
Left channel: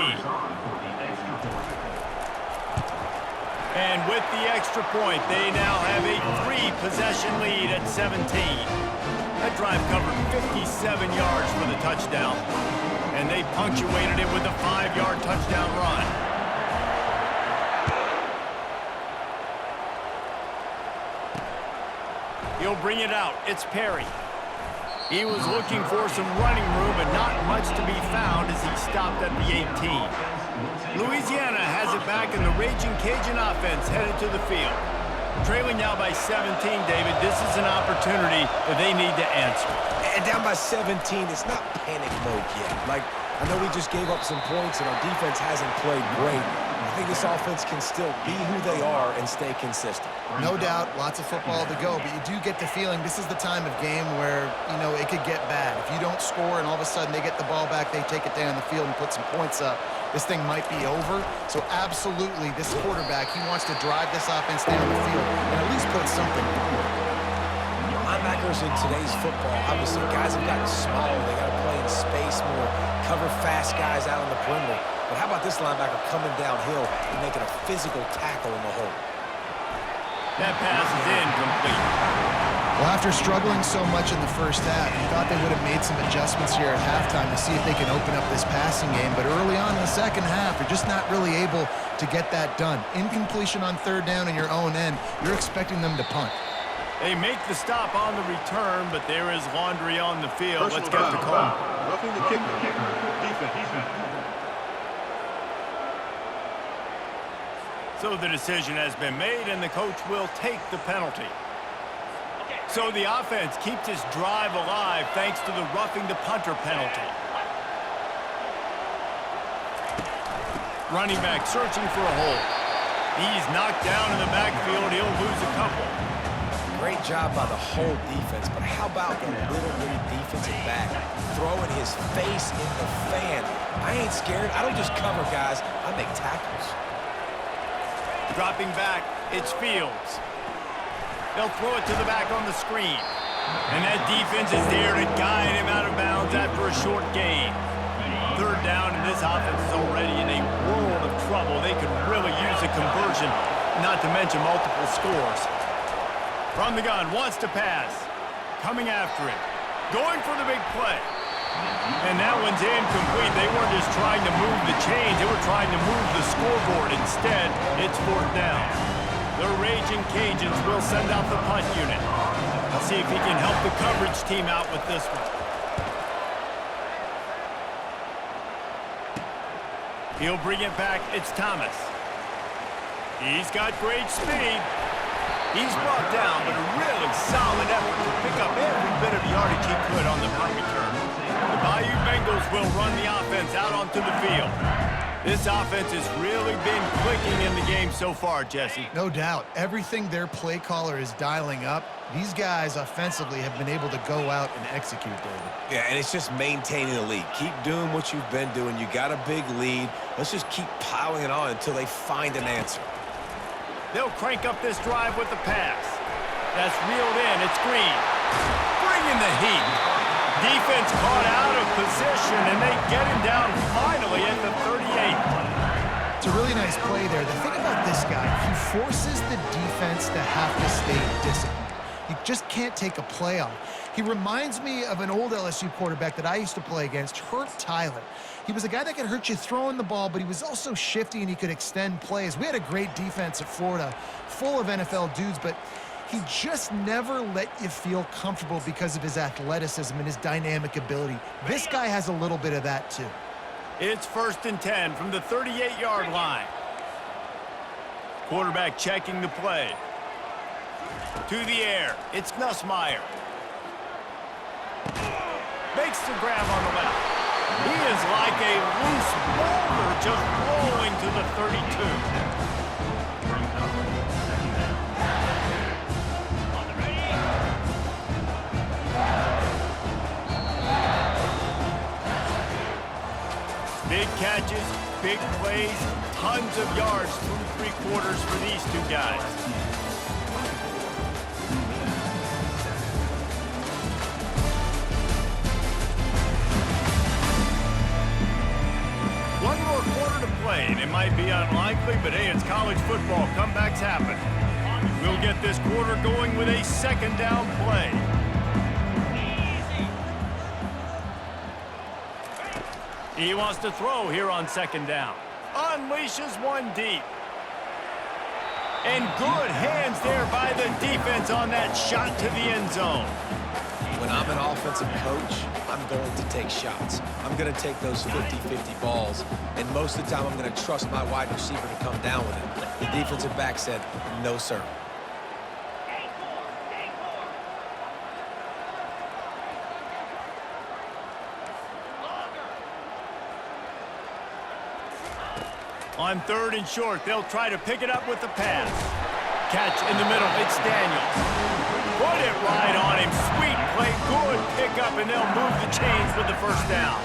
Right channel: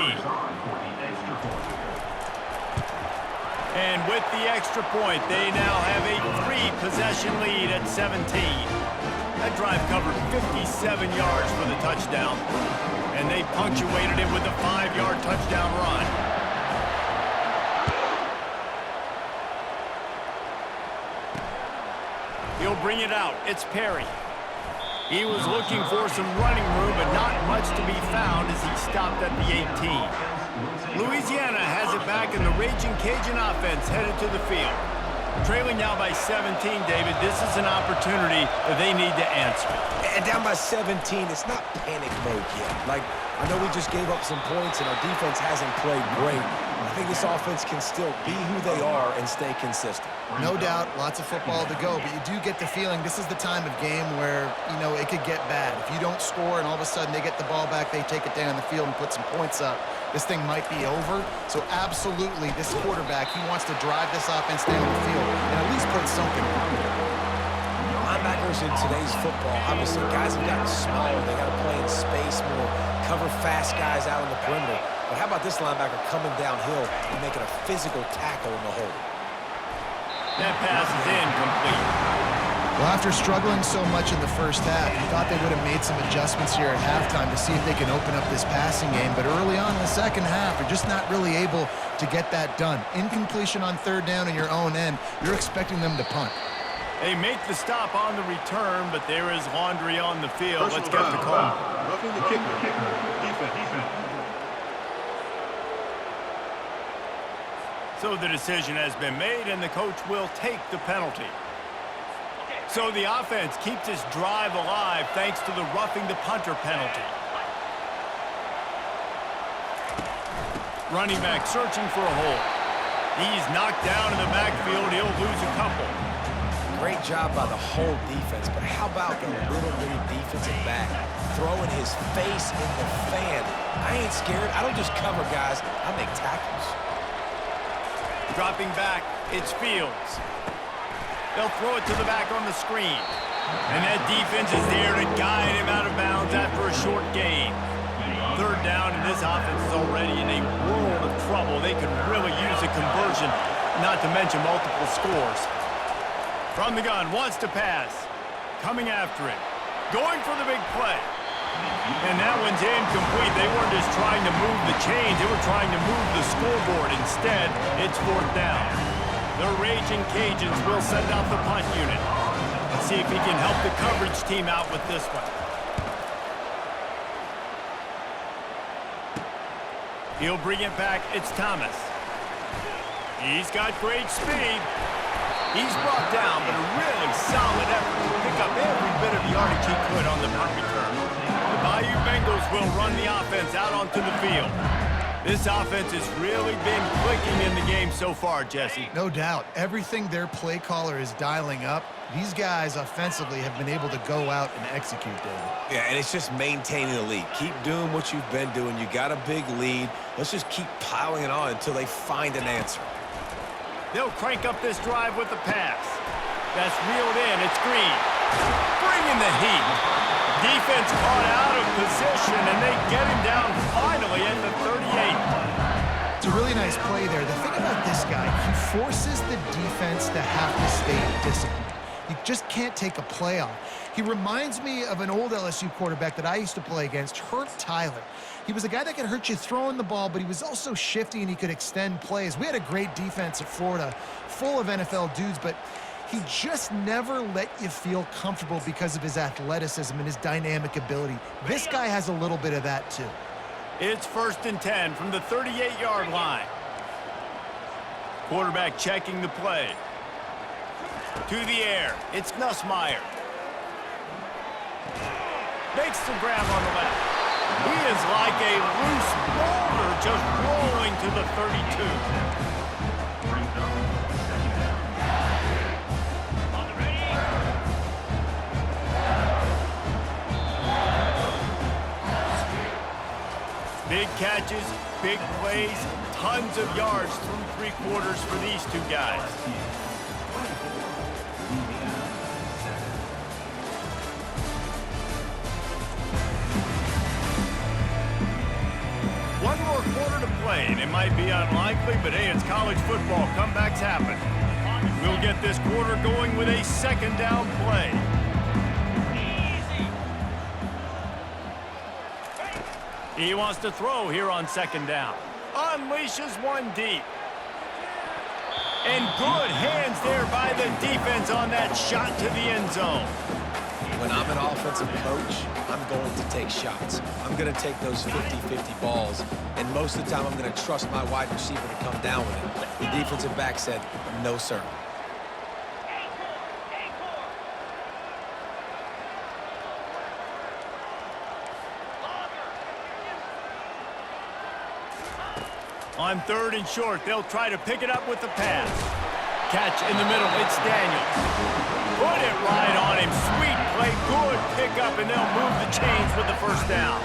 And with the extra point, they now have a 3-possession lead at 17. That drive covered 57 yards for the touchdown, and they punctuated it with a 5-yard touchdown run. He'll bring it out. It's Perry. He was looking for some running room, but not much to be found as he stopped at the 18. Louisiana has it back, and the Ragin Cajun offense headed to the field. Trailing now by 17, David, this is an opportunity that they need to answer. And down by 17, it's not panic mode yet. Like, I know we just gave up some points, and our defense hasn't played great. I think this offense can still be who they are and stay consistent. No doubt, lots of football to go, but you do get the feeling this is the time of game where, you know, it could get bad. If you don't score and all of a sudden they get the ball back, they take it down the field and put some points up, this thing might be over. So absolutely, this quarterback, he wants to drive this offense down the field and at least put something on it. Linebackers in today's football, obviously, guys have gotten smaller. They got to play in space more, cover fast guys out on the perimeter. But how about this linebacker coming downhill and making a physical tackle in the hole? That pass is incomplete. Well, after struggling so much in the first half, you thought they would have made some adjustments here at halftime to see if they can open up this passing game. But early on in the second half, they're just not really able to get that done. Incompletion on third down in your own end, you're expecting them to punt. They make the stop on the return, but there is laundry on the field. Let's get the call. Roughing the kicker. Defense. So the decision has been made, and the coach will take the penalty. So the offense keeps this drive alive thanks to the roughing the punter penalty. Running back searching for a hole. He's knocked down in the backfield. He'll lose a couple. Great job by the whole defense, but how about the little bitty defensive back throwing his face in the fan? I ain't scared. I don't just cover guys. I make tackles. Dropping back, it's Fields. They'll throw it to the back on the screen. And that defense is there to guide him out of bounds after a short gain. Third down, and this offense is already in a world of trouble. They could really use a conversion, not to mention multiple scores. From the gun, wants to pass. Coming after it. Going for the big play. And that one's incomplete. They weren't just trying to move the chains. They were trying to move the scoreboard. Instead, it's fourth down. The Ragin Cajuns will send out the punt unit. Let's see if he can help the coverage team out with this one. He'll bring it back. It's Thomas. He's got great speed. He's brought down, but a really solid effort to pick up every bit of yardage he could on the punt return. The Bayou Bengals will run the offense out onto the field. This offense has really been clicking in the game so far, Jesse. No doubt. Everything their play caller is dialing up, these guys offensively have been able to go out and execute, David. Yeah, and it's just maintaining the lead. Keep doing what you've been doing. You got a big lead. Let's just keep piling it on until they find an answer. They'll crank up this drive with the pass. That's reeled in. It's Green. Bringing the heat. Defense caught out of position, and they get him down finally at the 38. It's a really nice play there. The thing about this guy, he forces the defense to have to stay disciplined. You just can't take a play off. He reminds me of an old LSU quarterback that I used to play against, Hurt Tyler. He was a guy that could hurt you throwing the ball, but he was also shifty and he could extend plays. We had a great defense at Florida, full of NFL dudes, but he just never let you feel comfortable because of his athleticism and his dynamic ability. This guy has a little bit of that too. It's 1st and 10 from the 38-yard line. Quarterback checking the play. To the air, it's Nussmeier. Makes the grab on the left. He is like a loose boulder just rolling to the 32. Big catches, big plays, tons of yards through three quarters for these two guys. One more quarter to play, and it might be unlikely, but hey, it's college football. Comebacks happen. We'll get this quarter going with a second down play. He wants to throw here on second down. Unleashes one deep. And good hands there by the defense on that shot to the end zone. When I'm an offensive coach, I'm going to take shots. I'm going to take those 50-50 balls, and most of the time I'm going to trust my wide receiver to come down with it. The defensive back said, no, sir. On third and short, they'll try to pick it up with the pass. Catch in the middle, it's Daniels. Put it right on him, sweet play, good pickup, and they'll move the chains with the first down.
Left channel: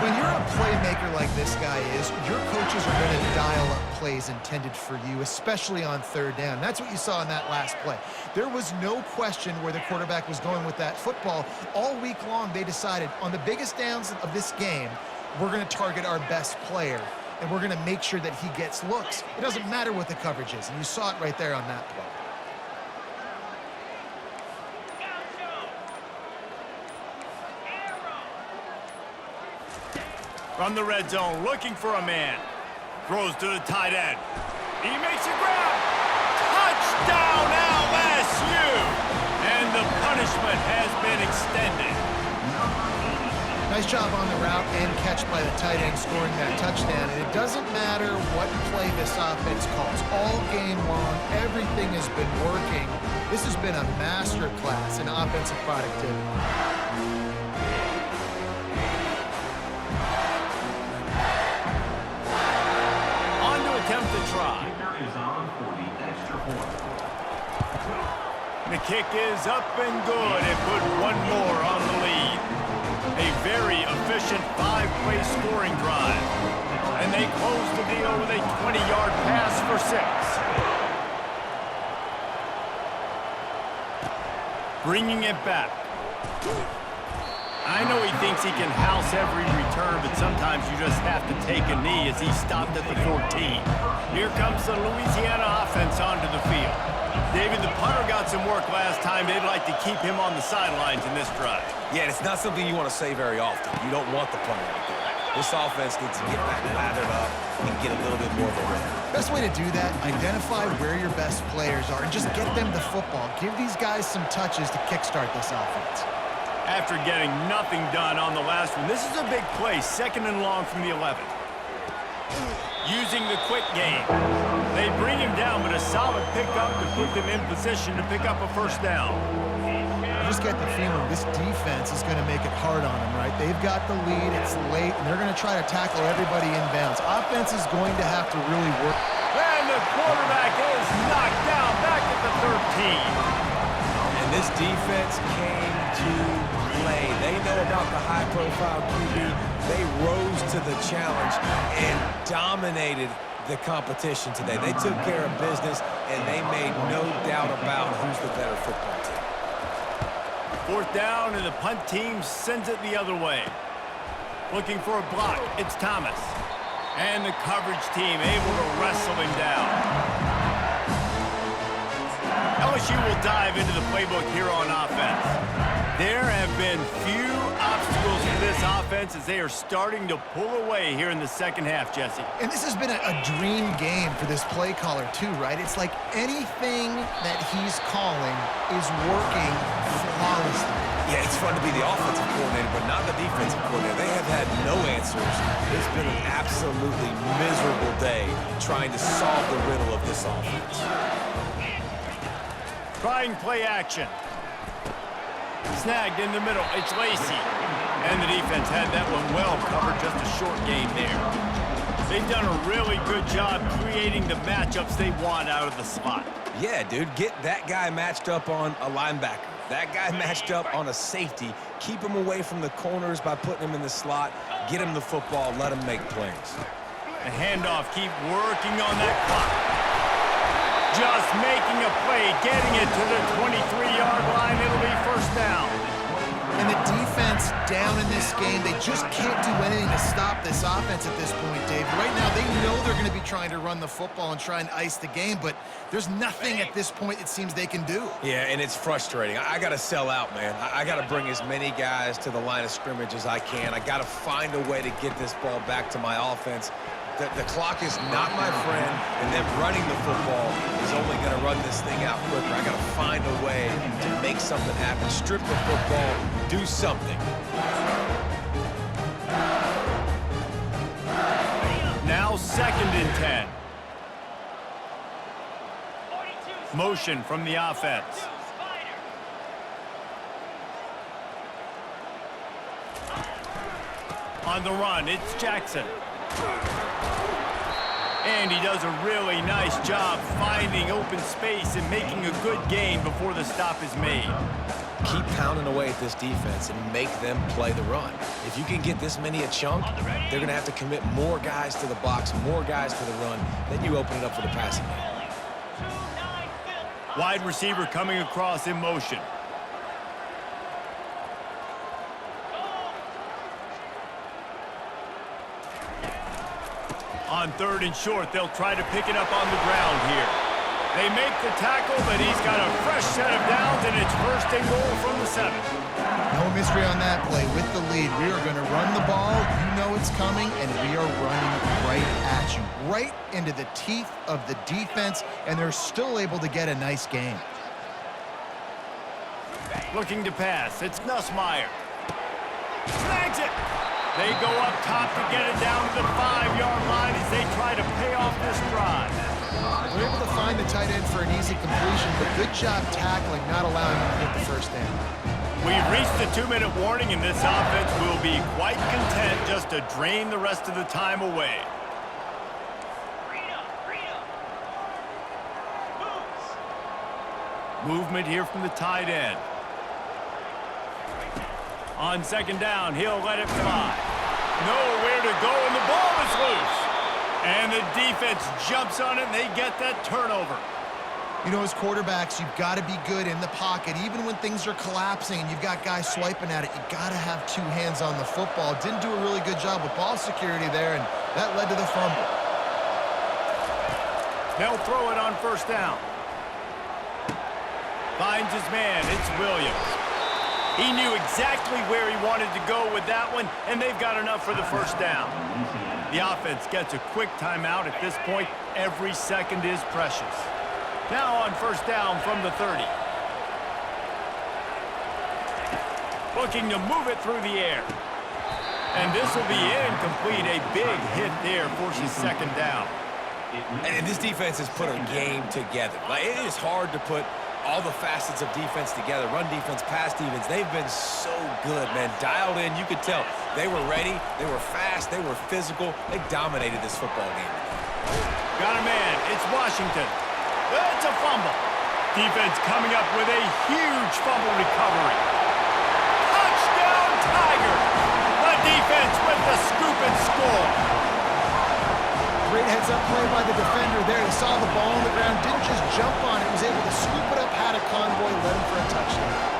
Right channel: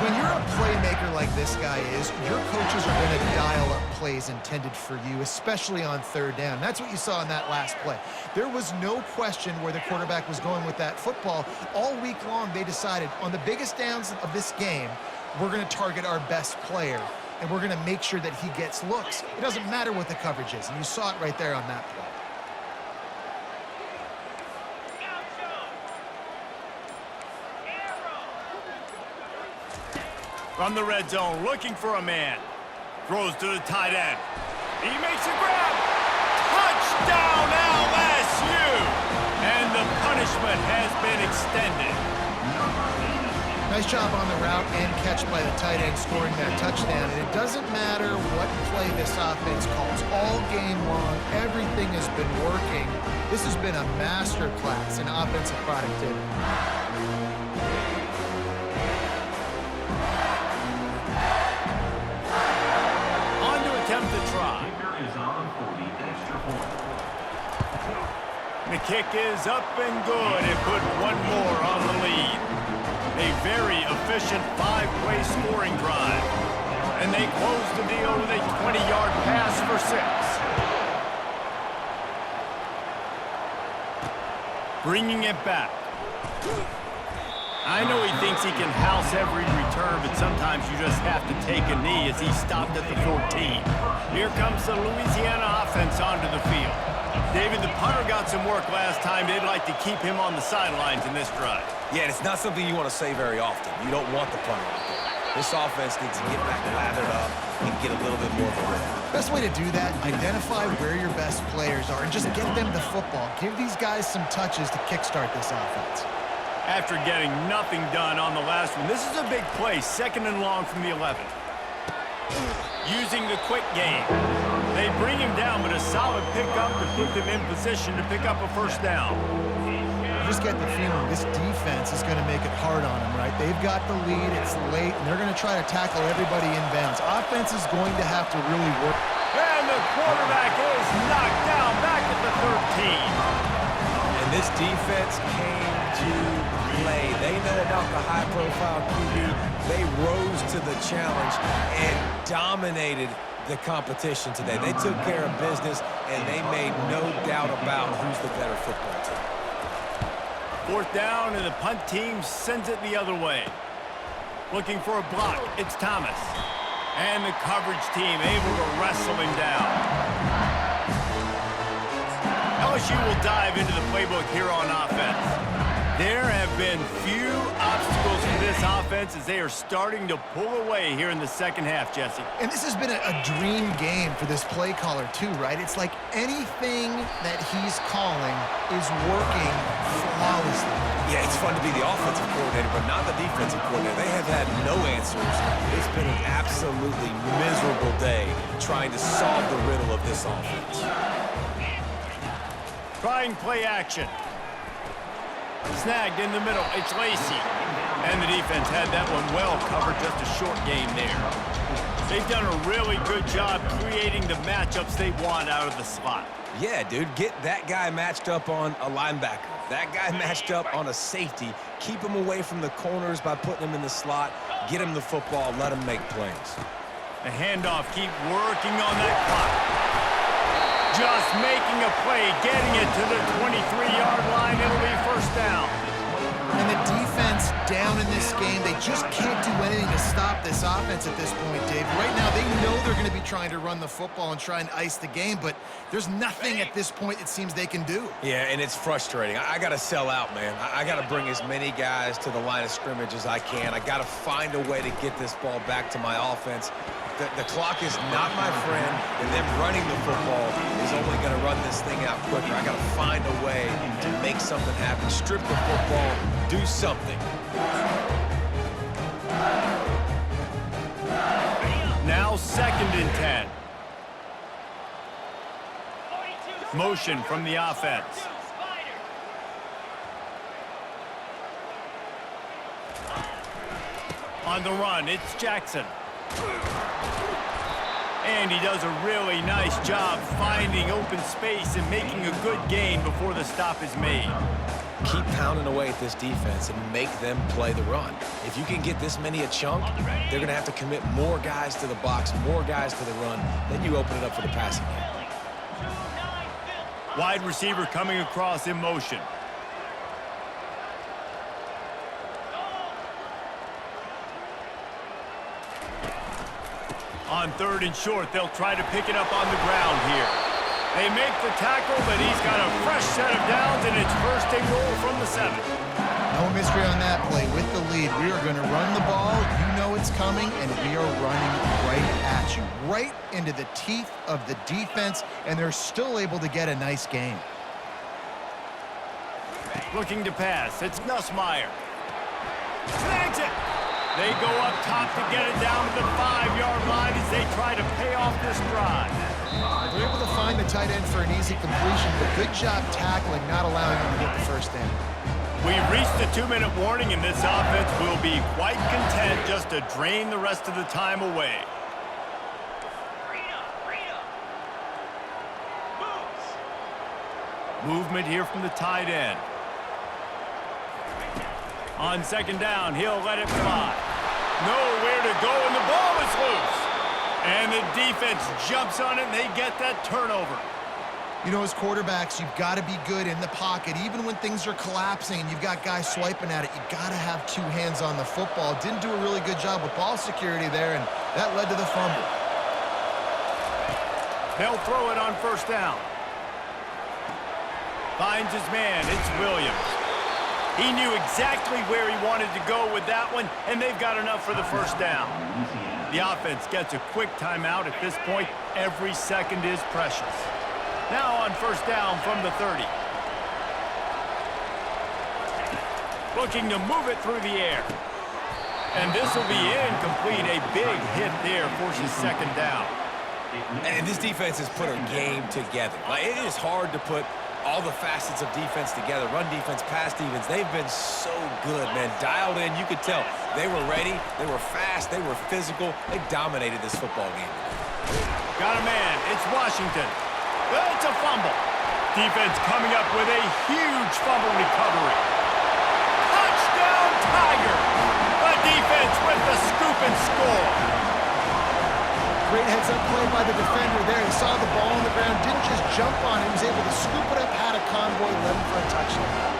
When you're a playmaker like this guy is, your coaches are going to dial up plays intended for you, especially on third down. That's what you saw in that last play. There was no question where the quarterback was going with that football. All week long, they decided on the biggest downs of this game, we're going to target our best player, and we're going to make sure that he gets looks. It doesn't matter what the coverage is, and you saw it right there on that play. From the red zone, looking for a man. Throws to the tight end. He makes a grab. Touchdown, LSU! And the punishment has been extended. Nice job on the route and catch by the tight end scoring that touchdown. And it doesn't matter what play this offense calls. All game long, everything has been working. This has been a master class in offensive productivity. On to attempt to try. Kicker is on for the extra point. The kick is up and good and put one more on the lead. A very efficient 5-play scoring drive. And they close the deal with a 20-yard pass for 6. Bringing it back. I know he thinks he can house every return, but sometimes you just have to take a knee as he stopped at the 14. Here comes the Louisiana offense onto the field. David, the punter got some work last time. They'd like to keep him on the sidelines in this drive. Yeah, it's not something you want to say very often. You don't want the punter out there. This offense needs to get back lathered up and get a little bit more of a rhythm. Best way to do that, identify where your best players are and just get them the football. Give these guys some touches to kickstart this offense. After getting nothing done on the last one, this is a big play, 2nd and long from the 11. Using the quick game. They bring him down, but a solid pickup to put them in position to pick up a first down. I just get the feeling this defense is going to make it hard on them, right? They've got the lead, it's late, and they're going to try to tackle everybody inbounds. Offense is going to have to really work. And the quarterback is knocked down back at the 13. And this defense came to play. They know about the high-profile QB. They rose to the challenge and dominated the competition today. They took care of business, and they made no doubt about who's the better football team. 4th down, and the punt team sends it the other way. Looking for a block, it's Thomas. And the coverage team able to wrestle him down. LSU will dive into the playbook here on offense. There have been few obstacles for this offense as they are starting to pull away here in the second half, Jesse. And this has been a dream game for this play caller too, right? It's like anything that he's calling is working flawlessly. Yeah, it's fun to be the offensive coordinator, but not the defensive coordinator. They have had no answers. It's been an absolutely miserable day trying to solve the riddle of this offense. Trying play action. Snagged in the middle, it's Lacey. And the defense had that one well covered, just a short game there. They've done a really good job creating the matchups they want out of the slot. Yeah, dude, get that guy matched up on a linebacker. That guy matched up on a safety. Keep him away from the corners by putting him in the slot. Get him the football. Let him make plays. The handoff, keep working on that clock. Just making a play, getting it to the 23-yard line. It'll be first down. And the defense down in this game, they just can't do anything to stop this offense at this point, Dave. Right now, they know they're going to be trying to run the football and try and ice the game, but there's nothing at this point it seems they can do. Yeah, and it's frustrating. I got to sell out, man. I got to bring as many guys to the line of scrimmage as I can. I got to find a way to get this ball back to my offense. The clock is not my friend, and them running the football is only going to run this thing out quicker. I got to find a way to make something happen, strip the football, do something. Now 2nd and 10. Motion from the offense. On the run, it's Jackson. And he does a really nice job finding open space and making a good gain before the stop is made. Keep pounding away at this defense and make them play the run. If you can get this many a chunk, they're going to have to commit more guys to the box, more guys to the run. Then you open it up for the passing game. Wide receiver coming across in motion. On 3rd and short, they'll try to pick it up on the ground here. They make the tackle, but he's got a fresh set of downs, and it's 1st and goal from the 7. No mystery on that play. With the lead, we are going to run the ball. You know it's coming, and we are running right at you, right into the teeth of the defense, and they're still able to get a nice game. Looking to pass. It's Nussmeier. Snags it. They go up top to get it down to the 5-yard line as they try to pay off this drive. They're able to find the tight end for an easy completion, but good job tackling, not allowing him to get the first down. We've reached the 2-minute warning, and this offense will be quite content just to drain the rest of the time away. Movement here from the tight end. On 2nd down, he'll let it fly. Nowhere to go, and the ball is loose. And the defense jumps on it, and they get that turnover. You know, as quarterbacks, you've got to be good in the pocket. Even when things are collapsing and you've got guys swiping at it, you got to have 2 hands on the football. Didn't do a really good job with ball security there, and that led to the fumble. They'll throw it on 1st down. Finds his man. It's Williams. He knew exactly where he wanted to go with that one, and they've got enough for the 1st down. The offense gets a quick timeout at this point. Every second is precious. Now on 1st down from the 30. Looking to move it through the air. And this will be incomplete. A big hit there forces 2nd down. And this defense has put a game together. Like, it is hard to put all the facets of defense together. Run defense, pass defense. They've been so good, man. Dialed in. You could tell they were ready. They were fast. They were physical. They dominated this football game today. Got a man. It's Washington. It's a fumble. Defense coming up with a huge fumble recovery. Touchdown, Tigers. The defense with the scoop and score. Great heads-up play by the defender there. He saw the ball on the ground, didn't just jump on it. He was able to scoop it up, had a convoy, led him for a touchdown.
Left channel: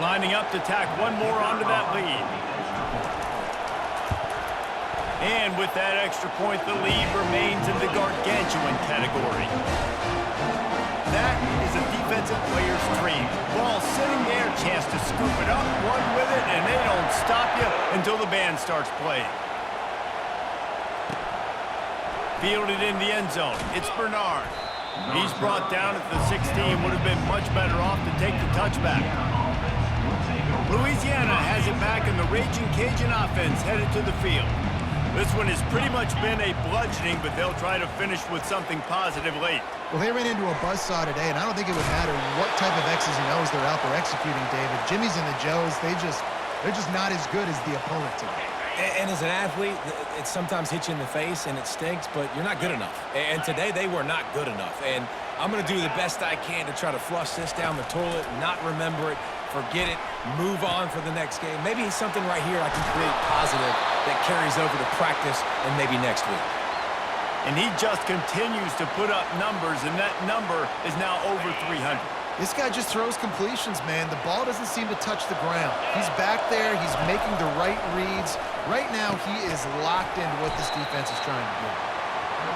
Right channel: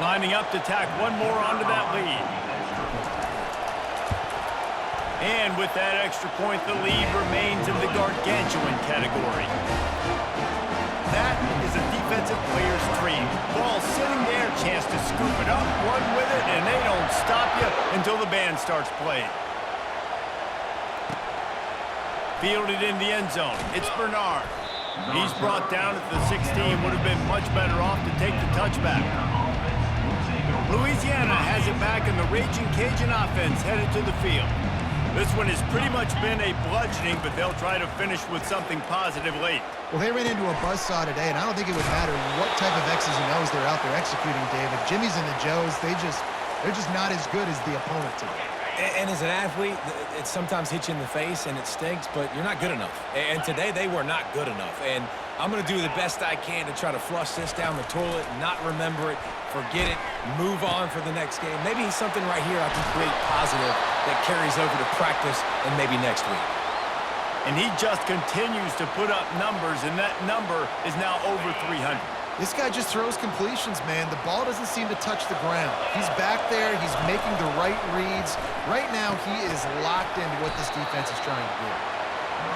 Lining up to tack one more onto that lead. And with that extra point, the lead remains in the gargantuan category. That is a defensive player's dream. Ball sitting there, chance to scoop it up, run with it, and they don't stop you until the band starts playing. Fielded in the end zone. It's Bernard. He's brought down at the 16. Would have been much better off to take the touchback. Louisiana has it back in the Ragin Cajun offense headed to the field. This one has pretty much been a bludgeoning, but they'll try to finish with something positive late. Well, they ran into a buzzsaw today, and I don't think it would matter what type of X's and O's they're out there executing, David. Jimmy's and the Joes, they're just not as good as the opponent today. And as an athlete, it sometimes hits you in the face and it stinks, but you're not good enough. And today they were not good enough. And I'm going to do the best I can to try to flush this down the toilet, not remember it, forget it, move on for the next game. Maybe something right here I can create positive that carries over to practice and maybe next week. And he just continues to put up numbers, and that number is now over 300. This guy just throws completions, man. The ball doesn't seem to touch the ground. He's back there. He's making the right reads. Right now, he is locked into what this defense is trying to do.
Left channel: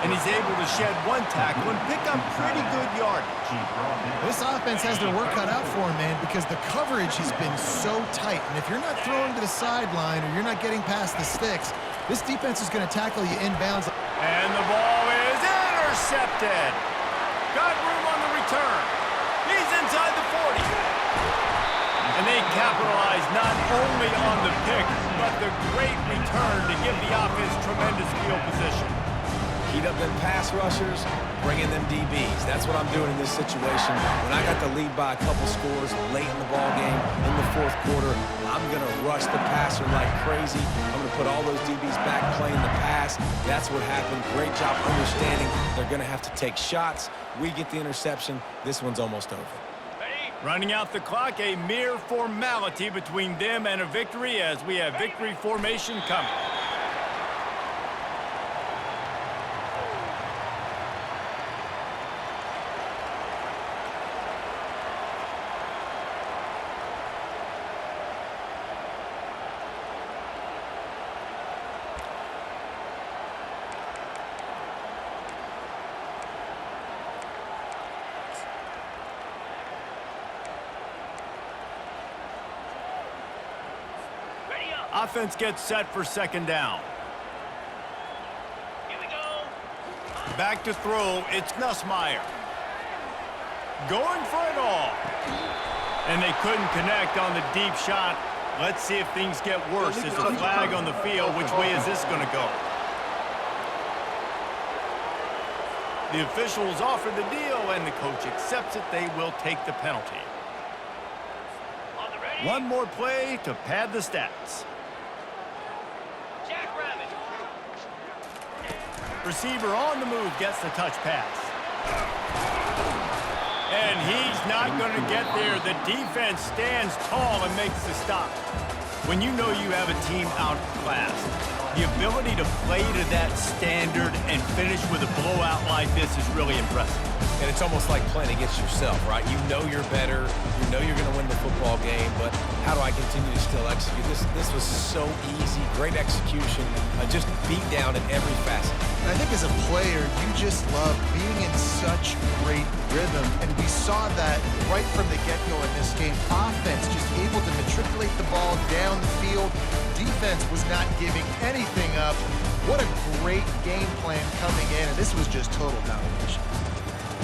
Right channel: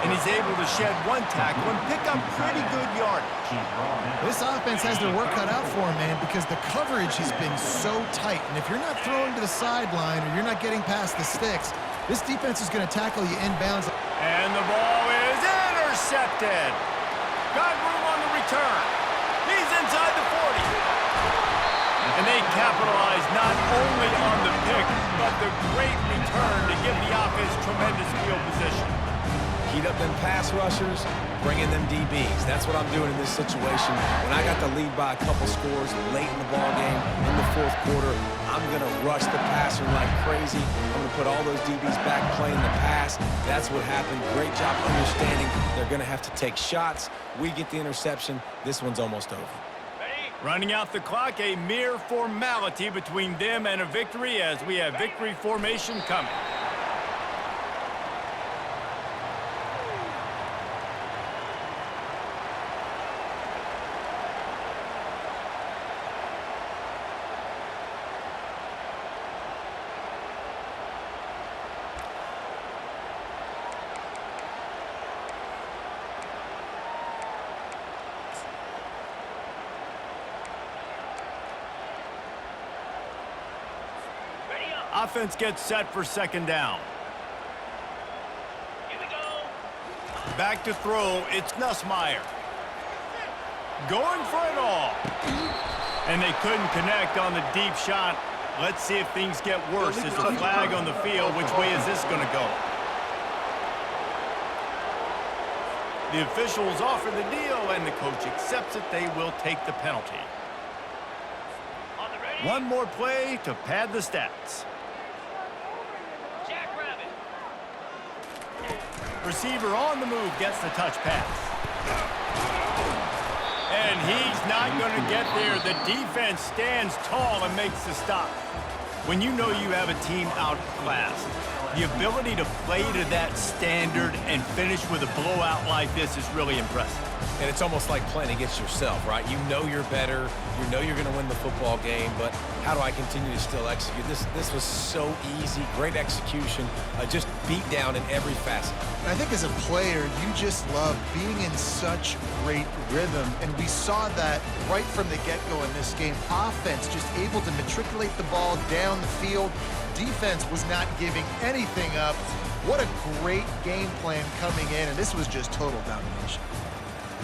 And he's able to shed one tackle and pick up pretty good yardage. This offense has their work cut out for him, man, because the coverage has been so tight. And if you're not throwing to the sideline or you're not getting past the sticks, this defense is going to tackle you inbounds. And the ball is intercepted. Got room on the return. He's inside the 40. And they capitalize not only on the pick, but the great return to give the offense tremendous field position. Heat up them pass rushers, bring in them DBs. That's what I'm doing in this situation. When I got the lead by a couple scores late in the ball game, in the fourth quarter, I'm going to rush the passer like crazy. I'm going to put all those DBs back playing the pass. That's what happened. Great job understanding they're going to have to take shots. We get the interception. This one's almost over. Running out the clock, a mere formality between them and a victory as we have victory formation coming. Offense gets set for second down. Here we go. Back to throw, it's Nussmeier. Going for it all. And they couldn't connect on the deep shot. Let's see if things get worse. There's a flag on the field. Which way is this going to go? The officials offer the deal, and the coach accepts it. They will take the penalty. One more play to pad the stats. Receiver on the move gets the touch pass. And he's not going to get there. The defense stands tall and makes the stop. When you know you have a team outclassed, the ability to play to that standard and finish with a blowout like this is really impressive. And it's almost like playing against yourself, right? You know you're better. You know you're going to win the football game, but how do I continue to still execute? This was so easy. Great execution. Just beat down in every facet. And I think as a player, you just love being in such great rhythm. And we saw that right from the get-go in this game. Offense just able to matriculate the ball down the field. Defense was not giving anything up. What a great game plan coming in, and this was just total domination.